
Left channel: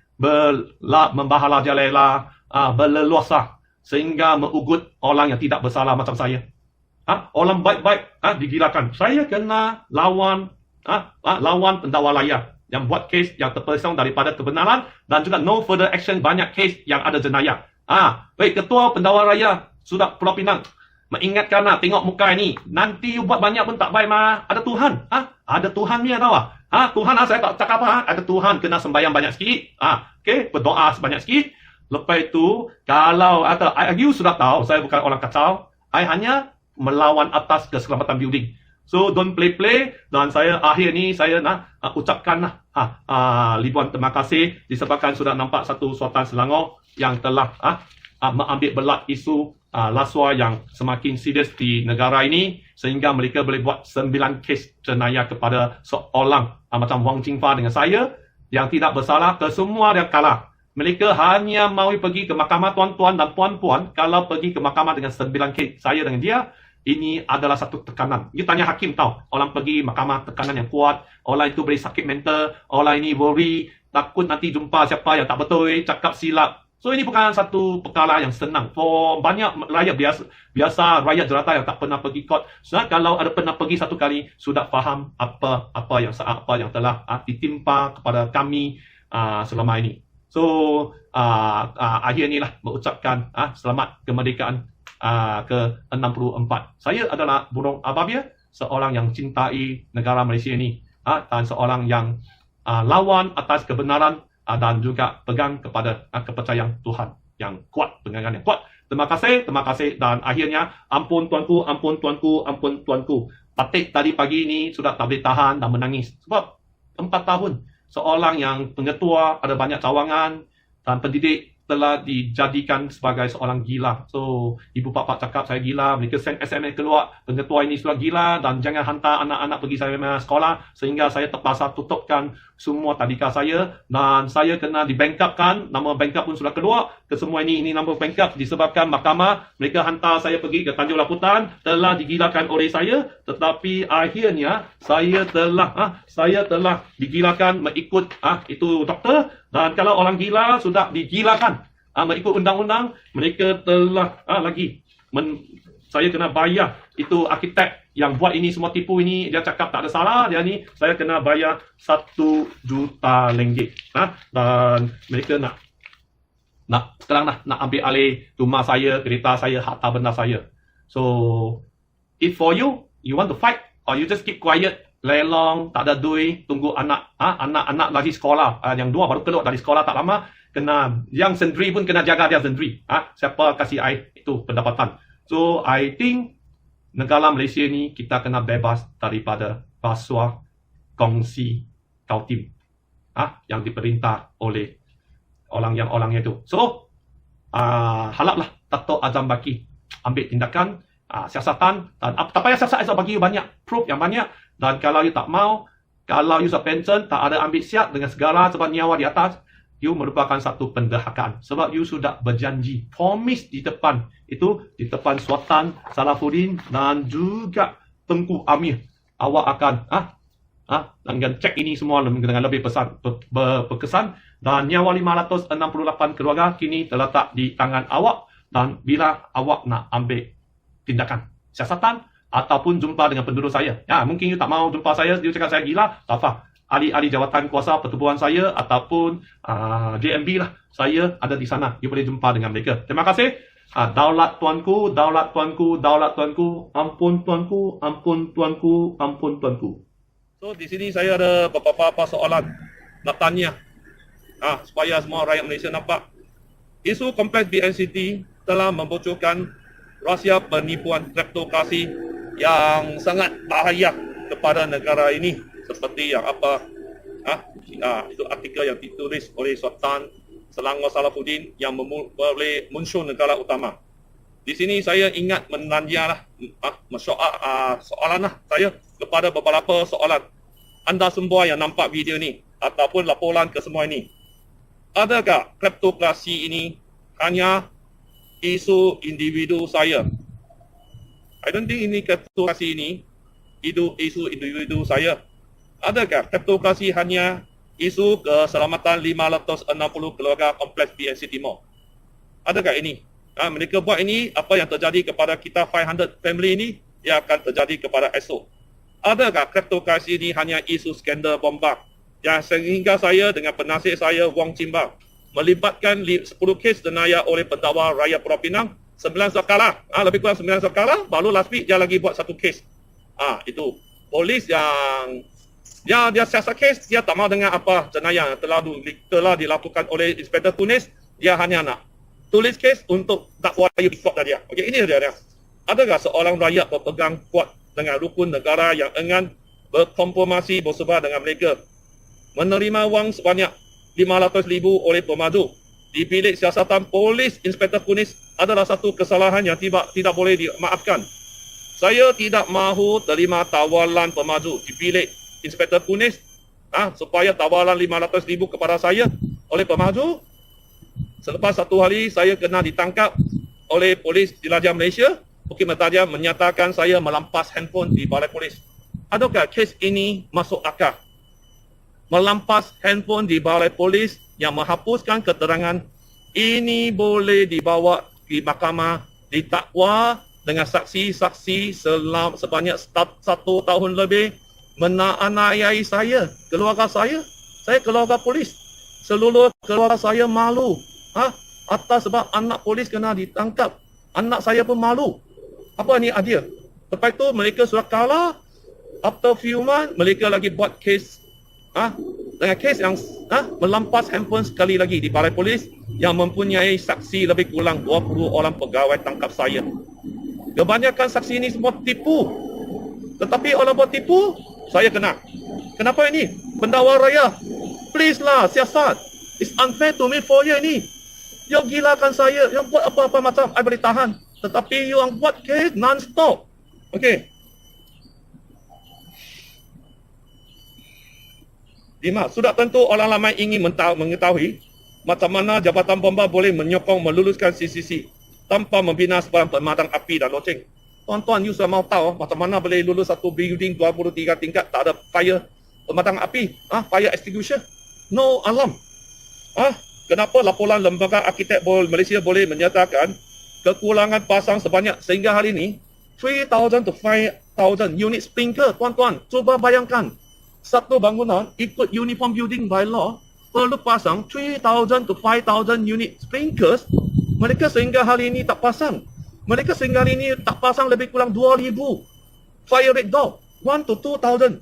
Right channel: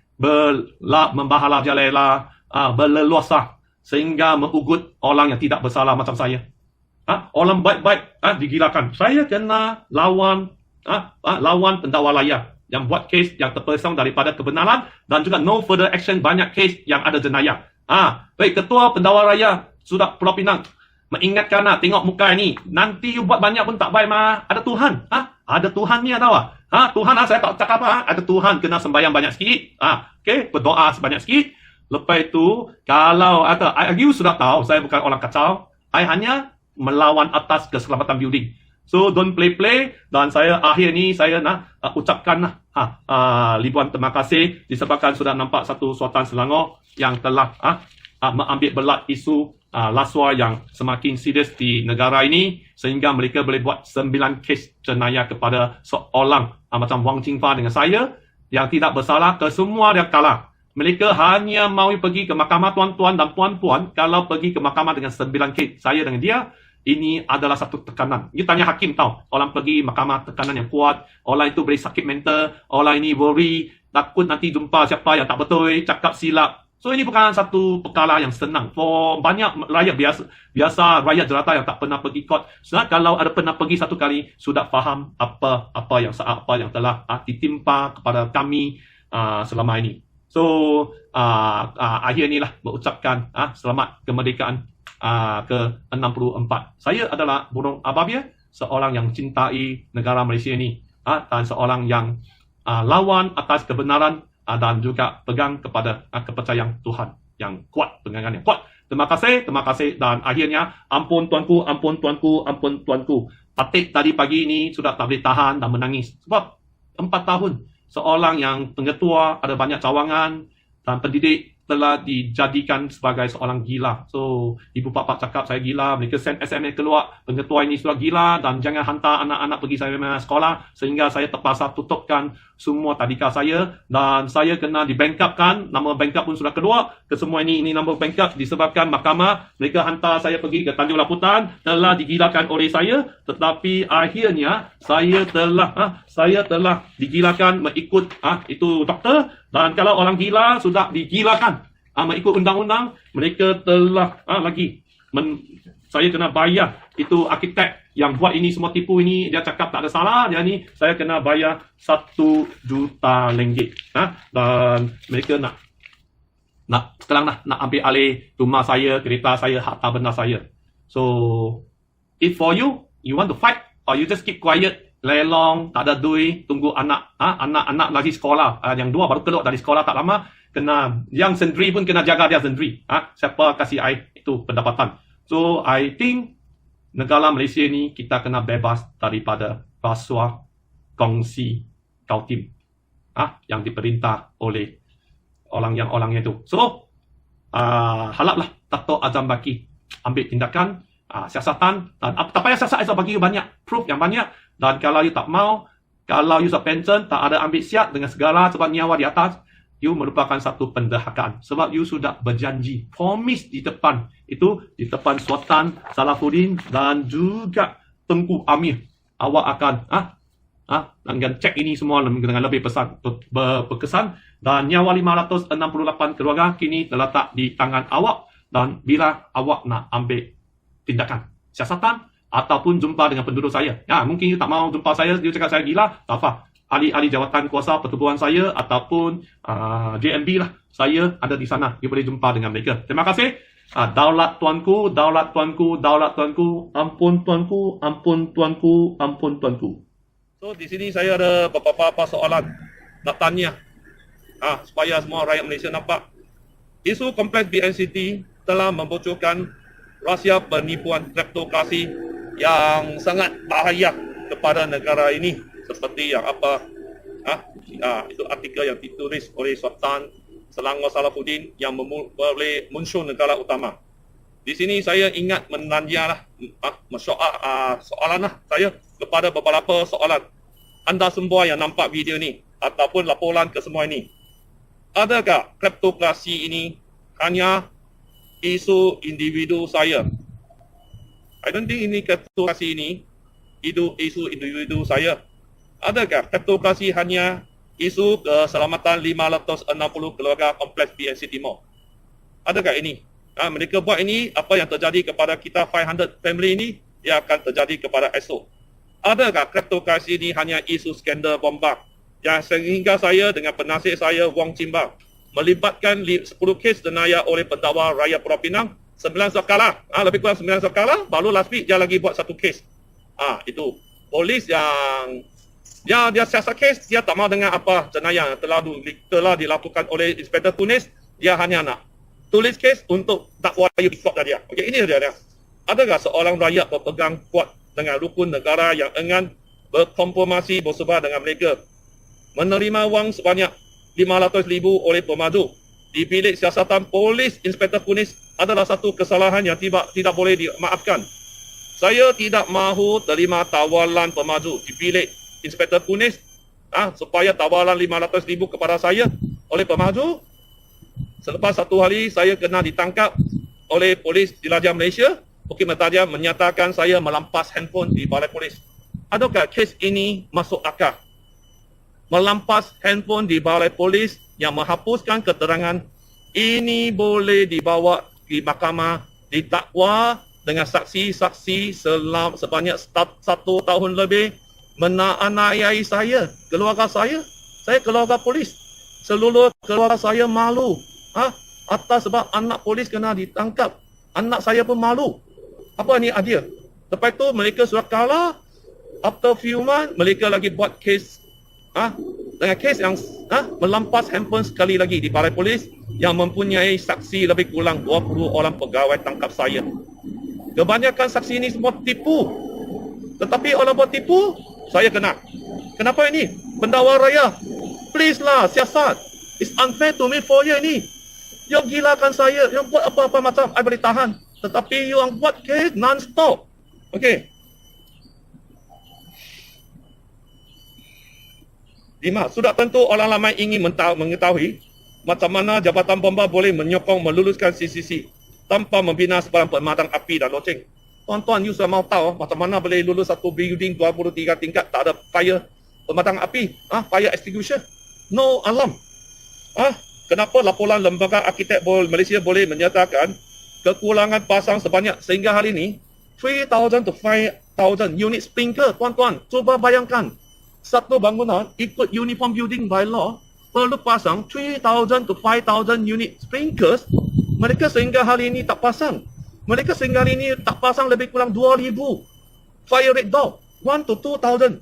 membahala jalela, berleluasa sehingga mengugut orang yang tidak bersalah macam saya. Orang baik-baik digilakan. Saya kena lawan pendakwa layar yang buat kes yang terpesong daripada kebenaran dan juga no further action, banyak kes yang ada jenayah. Baik, ketua pendakwa raya sudah Pulau Pinang mengingatkan tengok muka ini. Nanti you buat banyak pun tak baik Ada Tuhan. Ada Tuhan ni tahu Tuhan saya tak cakap ada Tuhan kena sembahyang banyak sikit. Okey, berdoa sebanyak sikit. Lepas itu, kalau ada, you sudah tahu, saya bukan orang kacau. I hanya melawan atas keselamatan building. So, don't play-play. Dan saya akhir ni, saya nak ucapkan ribuan terima kasih disebabkan sudah nampak satu Sultan Selangor yang telah mengambil belat isu rasuah yang semakin serius di negara ini sehingga mereka boleh buat 9 kes jenayah kepada seorang macam Wang Jingfa dengan saya yang tidak bersalah, ke semua yang kalah. Mereka hanya mahu pergi ke mahkamah tuan-tuan dan puan-puan. Kalau pergi ke mahkamah dengan 9 kes saya dengan dia, ini adalah satu tekanan. You tanya hakim tahu, orang pergi mahkamah tekanan yang kuat, orang itu boleh sakit mental, orang ini worry, takut nanti jumpa siapa yang tak betul, cakap silap. So ini bukan satu perkara yang senang. For banyak rakyat biasa rakyat jelata yang tak pernah pergi court. So, kalau ada pernah pergi satu kali, sudah faham apa yang telah ditimpa kepada kami selama ini. So, akhir inilah mengucapkan selamat kemerdekaan ke-64. Saya adalah burung Ababia, seorang yang cintai negara Malaysia ini dan seorang yang lawan atas kebenaran dan juga pegang kepada kepercayaan Tuhan yang kuat, pegangan yang kuat. Terima kasih dan akhirnya ampun tuanku, ampun tuanku, ampun tuanku. Patik tadi pagi ini sudah tak boleh tahan dan menangis sebab 4 tahun seorang yang pengetua, ada banyak cawangan dan pendidik telah dijadikan sebagai seorang gila. So, ibu bapa cakap saya gila, mereka send SMS keluar, pengetua ini sudah gila dan jangan hantar anak-anak pergi saya sekolah, sehingga saya terpaksa tutupkan semua tadika saya dan saya kena dibangkapkan, nama bangkap pun sudah keluar, kesemua ini nama bangkap disebabkan mahkamah, mereka hantar saya pergi ke Tanjung Laputan, telah digilakan oleh saya, tetapi akhirnya saya telah digilakan mengikut itu doktor. Dan kalau orang gila sudah digilakan mengikut undang-undang, mereka telah saya kena bayar. Itu arkitek yang buat ini semua tipu ini, dia cakap tak ada salah, dia ni saya kena bayar 1 juta ringgit. Dan mereka sekarang nak ambil alih rumah saya, kereta saya, harta benda saya. So, if for you want to fight or you just keep quiet, lelong, tak ada duit, tunggu anak-anak dari sekolah, yang 2 baru keluar dari sekolah tak lama, kena yang sendiri pun kena jaga dia sendiri. Siapa kasih I itu pendapatan. So I think negara Malaysia ni kita kena bebas daripada rasuah kongsi kautim yang diperintah oleh orang itu. So haraplah Dato' Azam Baki ambil tindakan siasatan, dan tak payah siasat esok bagi you banyak proof yang banyak. Dan kalau you tak mau, kalau you sudah pension, tak ada ambil siap dengan segala sebab nyawa di atas, you merupakan satu penderhakaan. Sebab you sudah berjanji, promise di depan Sultan Salahuddin dan juga Tengku Amir, awak akan dengan cek ini semua dengan lebih berkesan, dan nyawa 568 keluarga kini terletak di tangan awak. Dan bila awak nak ambil tindakan siasatan ataupun jumpa dengan penduduk saya, mungkin you tak mau jumpa saya, dia cakap saya gila, tak apa, ahli-ahli jawatan kuasa pertubuhan saya ataupun JMB lah, saya ada di sana, you boleh jumpa dengan mereka. Terima kasih. Daulat tuanku, daulat tuanku, daulat tuanku, ampun tuanku, ampun tuanku, ampun tuanku. So di sini saya ada beberapa soalan nak tanya supaya semua rakyat Malaysia nampak. Isu kompleks BNCT telah membocorkan rahsia penipuan kleptokrasi yang sangat bahaya kepada negara ini, seperti yang itu artikel yang ditulis oleh Sultan Selangor Salahuddin yang boleh muncul negara utama. Di sini saya ingat menanya soalan saya kepada beberapa soalan. Anda semua yang nampak video ni ataupun laporan ke semua ini, adakah kleptokrasi ini hanya isu individu saya? I don't think ini kleptokrasi ini isu individu saya. Adakah kleptokrasi hanya isu keselamatan 560 keluarga kompleks BNCT Mall? Adakah ini? Mereka buat ini, apa yang terjadi kepada kita 500 family ini, dia akan terjadi kepada esok. Adakah kleptokrasi ini hanya isu skandal bomba yang sehingga saya dengan penasihat saya Wong Chimba melibatkan 10 kes jenayah oleh pendakwa rakyat Pulau Pinang, 9 sekala, lebih kurang 9 sekala, baru last week dia lagi buat 1 kes. Itu polis yang Dia siasat kes, dia tak mahu dengan apa jenayah yang telah dilakukan oleh Inspektor Tunis. Dia hanya nak tulis kes untuk dakwa besar dia. Okey, ini dia. Adakah seorang rakyat berpegang kuat dengan rukun negara yang enggan berkompromisi bersebar dengan mereka, menerima wang sebanyak 500,000 oleh pemaju di bilik siasatan polis Inspektor Tunis adalah satu kesalahan yang tidak boleh dimaafkan. Saya tidak mahu terima tawaran pemaju di bilik Inspektor Tunis supaya tawaran 500,000 kepada saya oleh pemaju. Selepas satu hari saya kena ditangkap oleh polis Jelajah Malaysia. Bukit Mertaja menyatakan saya melampas handphone di balai polis. Adakah kes ini masuk akal? Melampas handphone di balai polis yang menghapuskan keterangan ini boleh dibawa di mahkamah, didakwa dengan saksi-saksi sebanyak 1 tahun lebih menganiayai saya, keluarga saya keluarga polis. Seluruh keluarga saya malu atas sebab anak polis kena ditangkap. Anak saya pun malu. Apa ni adil? Lepas itu mereka sudah kalah. After few months, mereka lagi buat kes dengan kes yang melampas handphone sekali lagi di balai polis yang mempunyai saksi lebih kurang 20 orang pegawai tangkap saya. Kebanyakan saksi ini semua tipu. Tetapi orang buat tipu, saya kena. Kenapa ini? Pendakwa raya. Please lah, siasat. It's unfair to me for you ni. You gilakan saya. You buat apa-apa macam I boleh tahan. Tetapi you yang buat kes non-stop. Okey. 5. Sudah tentu orang ramai ingin mengetahui macam mana Jabatan Bomba boleh menyokong meluluskan CCC tanpa membina sebarang pemadam api dan loceng. Tuan-tuan, you sudah mahu tahu macam mana boleh lulus satu building 23 tingkat tak ada fire pemadam api, fire extinguisher. No alarm. Kenapa laporan Lembaga Arkitek Malaysia boleh menyatakan kekurangan pasang sebanyak sehingga hari ini 3,000 to 5,000 unit sprinkler. Tuan-tuan, cuba bayangkan. Satu bangunan ikut Uniform Building by Law perlu pasang 3,000 to 5,000 unit sprinklers. Mereka sehingga hari ini tak pasang. Mereka sehingga hari ini tak pasang lebih kurang 2,000 fire rate door. 1 to 2,000.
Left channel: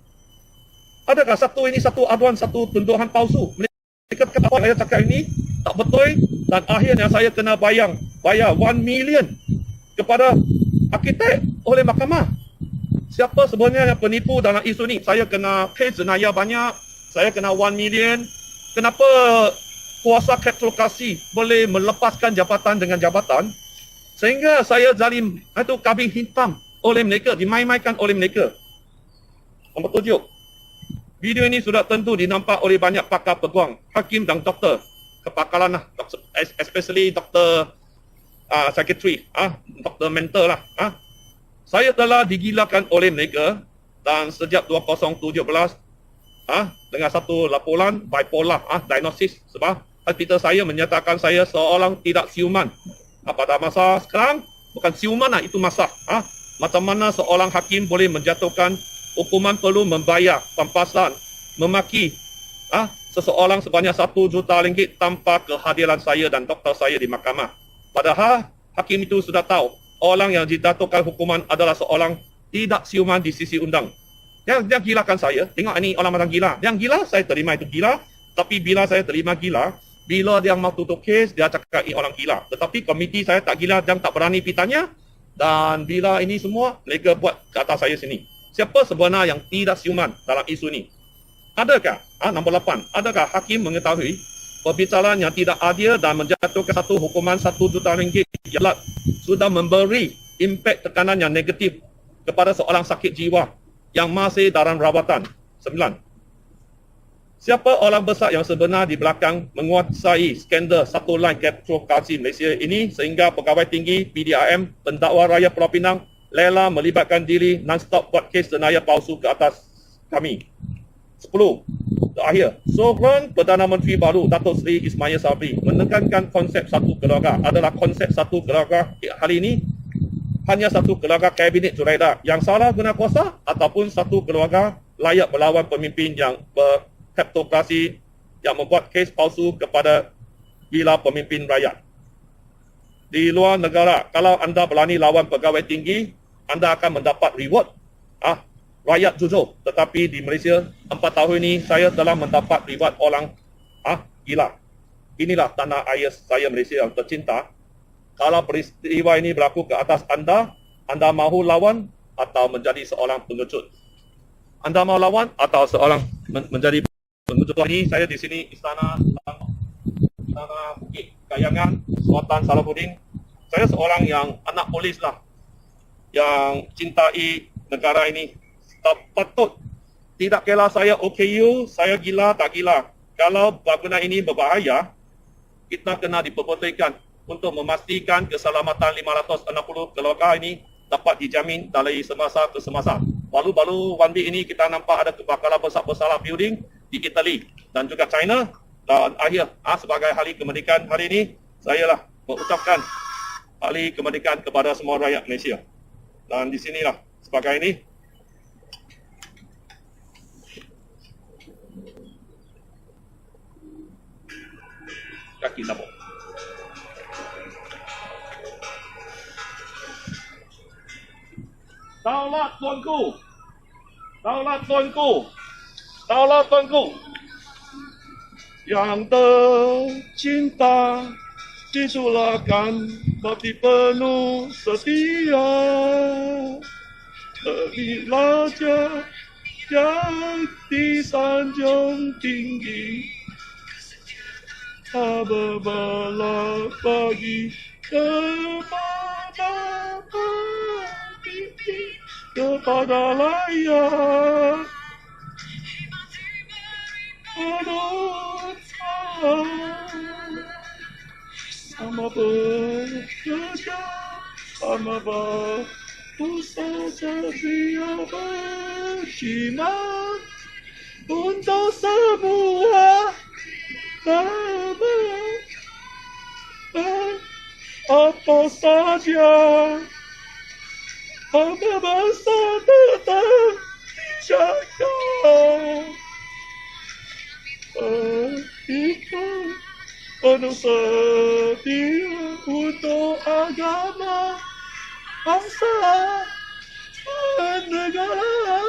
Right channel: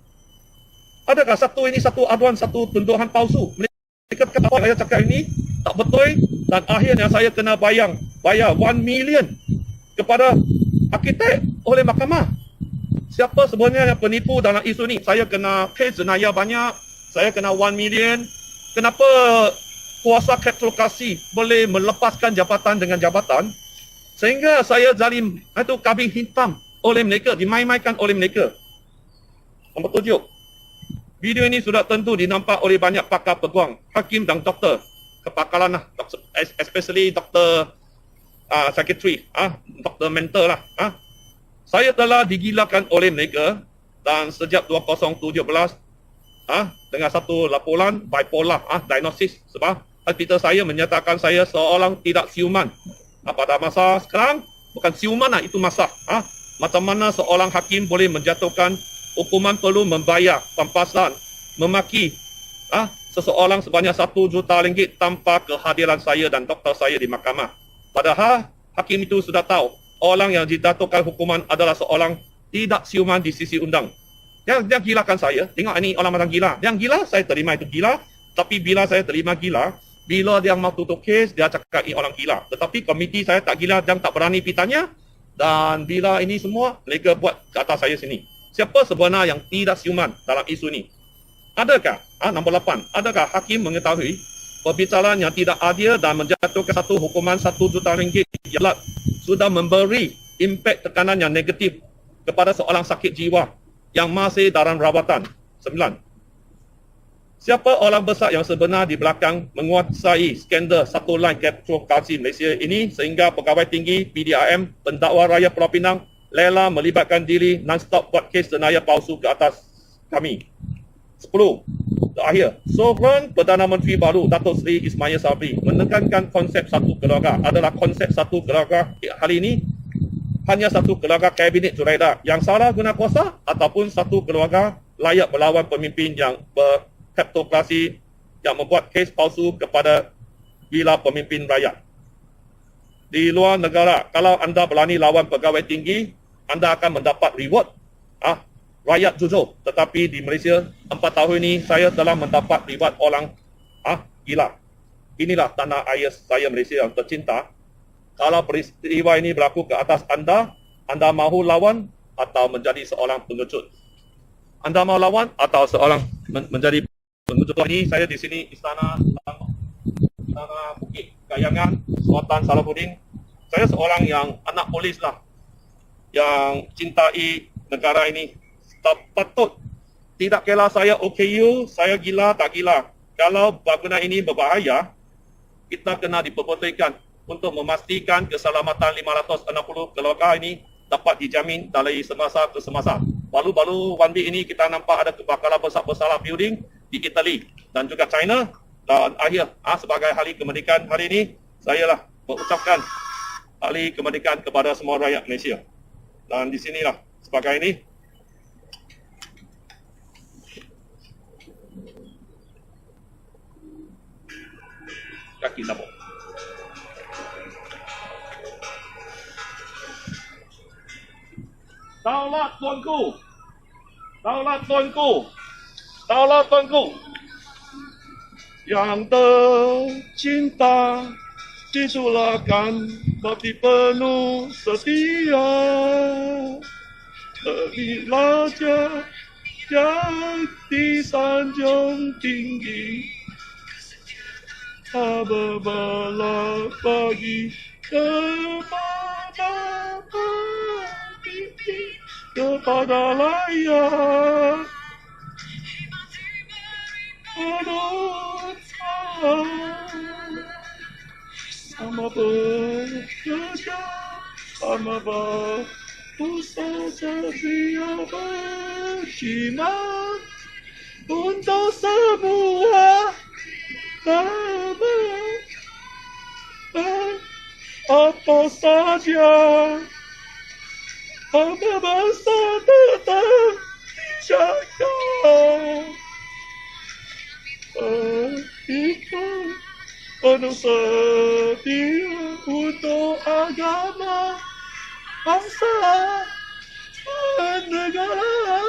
Adakah satu aduan, satu tuduhan palsu? Mereka kata apa saya cakap ini tak betul dan akhirnya saya kena bayar 1 million kepada arkitek oleh mahkamah. Siapa sebenarnya yang penipu dalam isu ni? Saya kena kes jenayah banyak. Saya kena 1 million. Kenapa kuasa kleptokrasi boleh melepaskan jabatan dengan jabatan? Sehingga saya zalim, itu kambing hitam oleh mereka, dimain-mainkan oleh mereka. Nombor 7. Video ini sudah tentu dinampak oleh banyak pakar peguam, hakim dan doktor. Kepakaran lah, especially doktor psychiatry, doktor mental lah. Saya telah digilakan oleh mereka dan sejak 2017 dengan satu laporan bipolar diagnosis sebab hospital saya menyatakan saya seorang tidak siuman. Pada masa sekarang bukan siuman lah, itu masa. Macam mana seorang hakim boleh menjatuhkan hukuman perlu membayar pampasan, memaki seseorang sebanyak 1 juta ringgit tanpa kehadiran saya dan doktor saya di mahkamah. Padahal hakim itu sudah tahu orang yang dijatuhkan hukuman adalah seorang tidak siuman di sisi undang. Dia gilakan saya. Tengok ini orang macam gila. Yang gila, saya terima itu gila. Tapi bila saya terima gila, bila dia mau tutup kes, dia cakap ini orang gila. Tetapi komiti saya tak gila, dia tak berani pitanya. Dan bila ini semua, mereka buat ke atas saya sini. Siapa sebenarnya yang tidak siuman dalam isu ini? Adakah, nombor 8, adakah hakim mengetahui perbicaraan yang tidak adil dan menjatuhkan satu hukuman 1 juta ringgit ialah sudah memberi impak tekanan yang negatif kepada seorang sakit jiwa yang masih dalam rawatan. 9. Siapa orang besar yang sebenar di belakang menguasai skandal satu line kleptokrasi Malaysia ini sehingga pegawai tinggi PDRM, pendakwa raya Pulau Pinang rela melibatkan diri non-stop buat kes jenayah palsu ke atas kami. 10. Terakhir, Sovereign Perdana Menteri baru Datuk Seri Ismail Sabri menekankan konsep satu keluarga adalah konsep satu keluarga. Hari ini hanya satu keluarga kabinet Zuraida yang salah guna kuasa ataupun satu keluarga layak melawan pemimpin yang berkleptokrasi yang membuat kes palsu kepada gila pemimpin rakyat. Di luar negara, kalau anda berani lawan pegawai tinggi, anda akan mendapat reward. rakyat jujur. Tetapi di Malaysia 4 tahun ini saya telah mendapat riwayat orang hilang. Inilah tanah air saya Malaysia yang tercinta. Kalau peristiwa ini berlaku ke atas anda mahu lawan atau menjadi seorang pengecut? Anda mahu lawan atau seorang menjadi pengecut? Ini saya di sini Istana Bukit Kayangan, Sultan Salahuddin. Saya seorang yang anak polis lah, yang cintai negara ini. Tak patut. Tidak kira saya OKU, saya gila tak gila. Kalau bangunan ini berbahaya, kita kena diperbetul untuk memastikan keselamatan 560 keluarga ini dapat dijamin dari semasa ke semasa. Baru-baru one week ini kita nampak ada kebakaran besar-besaran building di Italy dan juga China. Dan akhir sebagai hari kemerdekaan hari ini, saya lah mengucapkan hari kemerdekaan kepada semua rakyat Malaysia. Dan di sinilah sebagai ini, kaki sabuk. Daulat tuanku, daulat tuanku, daulat tuanku, yang tercinta, ditulakan bakti penuh setia. Terilah yang disanjung tinggi, berbalah bagi kepada pemimpin, kepada rakyat. Sama bekerja, sama berusaha setia berjimat untuk semua apa saja. Apa bangsa tetap dijaga. Ikhlas penuh setia untuk agama, bangsa, dan negara.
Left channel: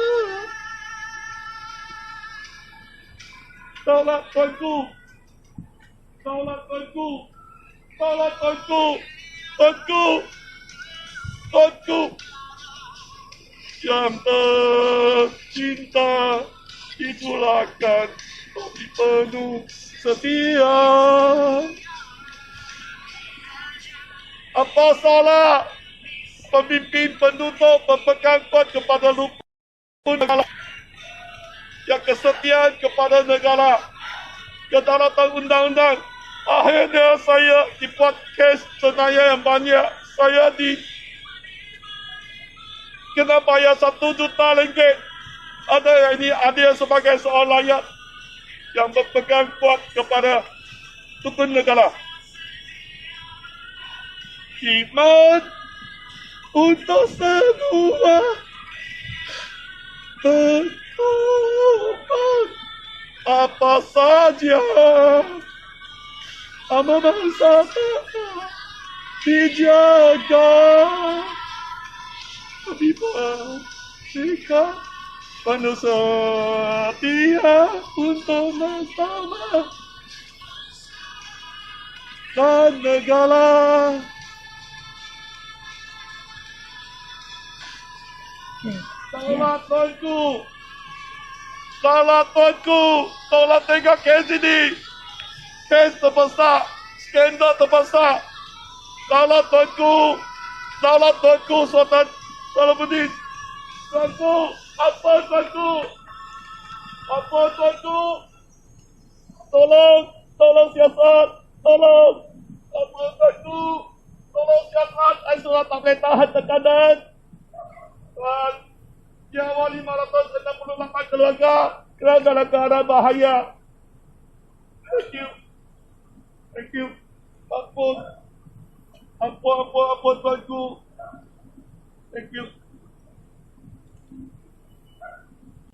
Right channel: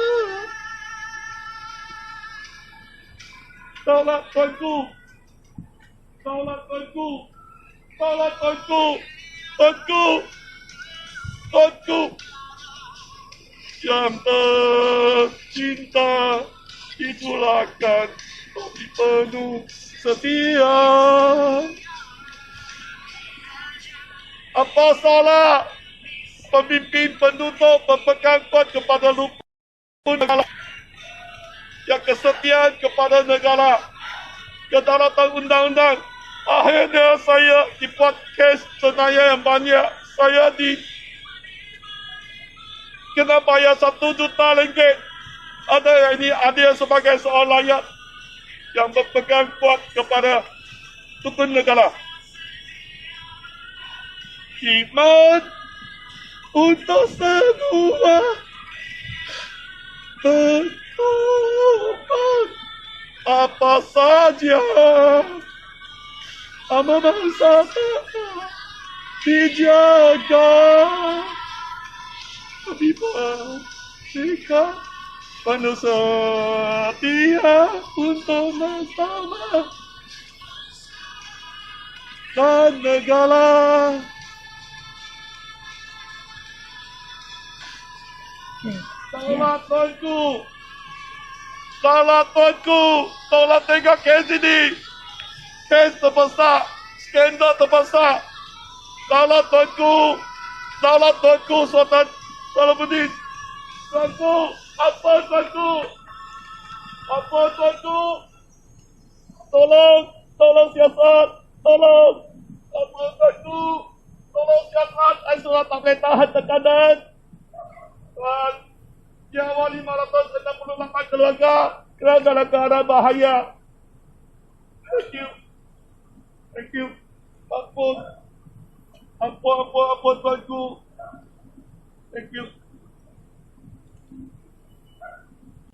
Daulat tuanku, daulat tuanku, daulat tuanku, tuanku, tuanku, yang tercinta, ditulakan tapi penuh setia. Apa salah pemimpin penutup berpegang kuat kepada rukun negara, yang kesetiaan kepada negara, kedaulatan undang-undang. Akhirnya saya dibuat kes senaya yang banyak. Saya kena bayar 1 juta ringgit. Ada yang ini adil sebagai seorang rakyat yang berpegang kuat kepada rukun negara. Khidmat untuk semua, berkorban apa saja, ama bangsa dijaga. Habibah sikap penuh setia untuk bersama dan negara. Daulat tuanku, daulat tuanku, daulat tengok kes ini, kes terbesar, skandal terbesar. Daulat tuanku, Sultan Salahuddin, tuanku, apa tuanku, apa tuanku, tolong siasat, tolong, apa tuanku, tolong siasat. Saya sudah tak boleh tahan tekanan. Dan nyawa 568 keluarga kerana dalam keadaan bahaya. Thank you. Thank you. Ampun tuanku. Thank you.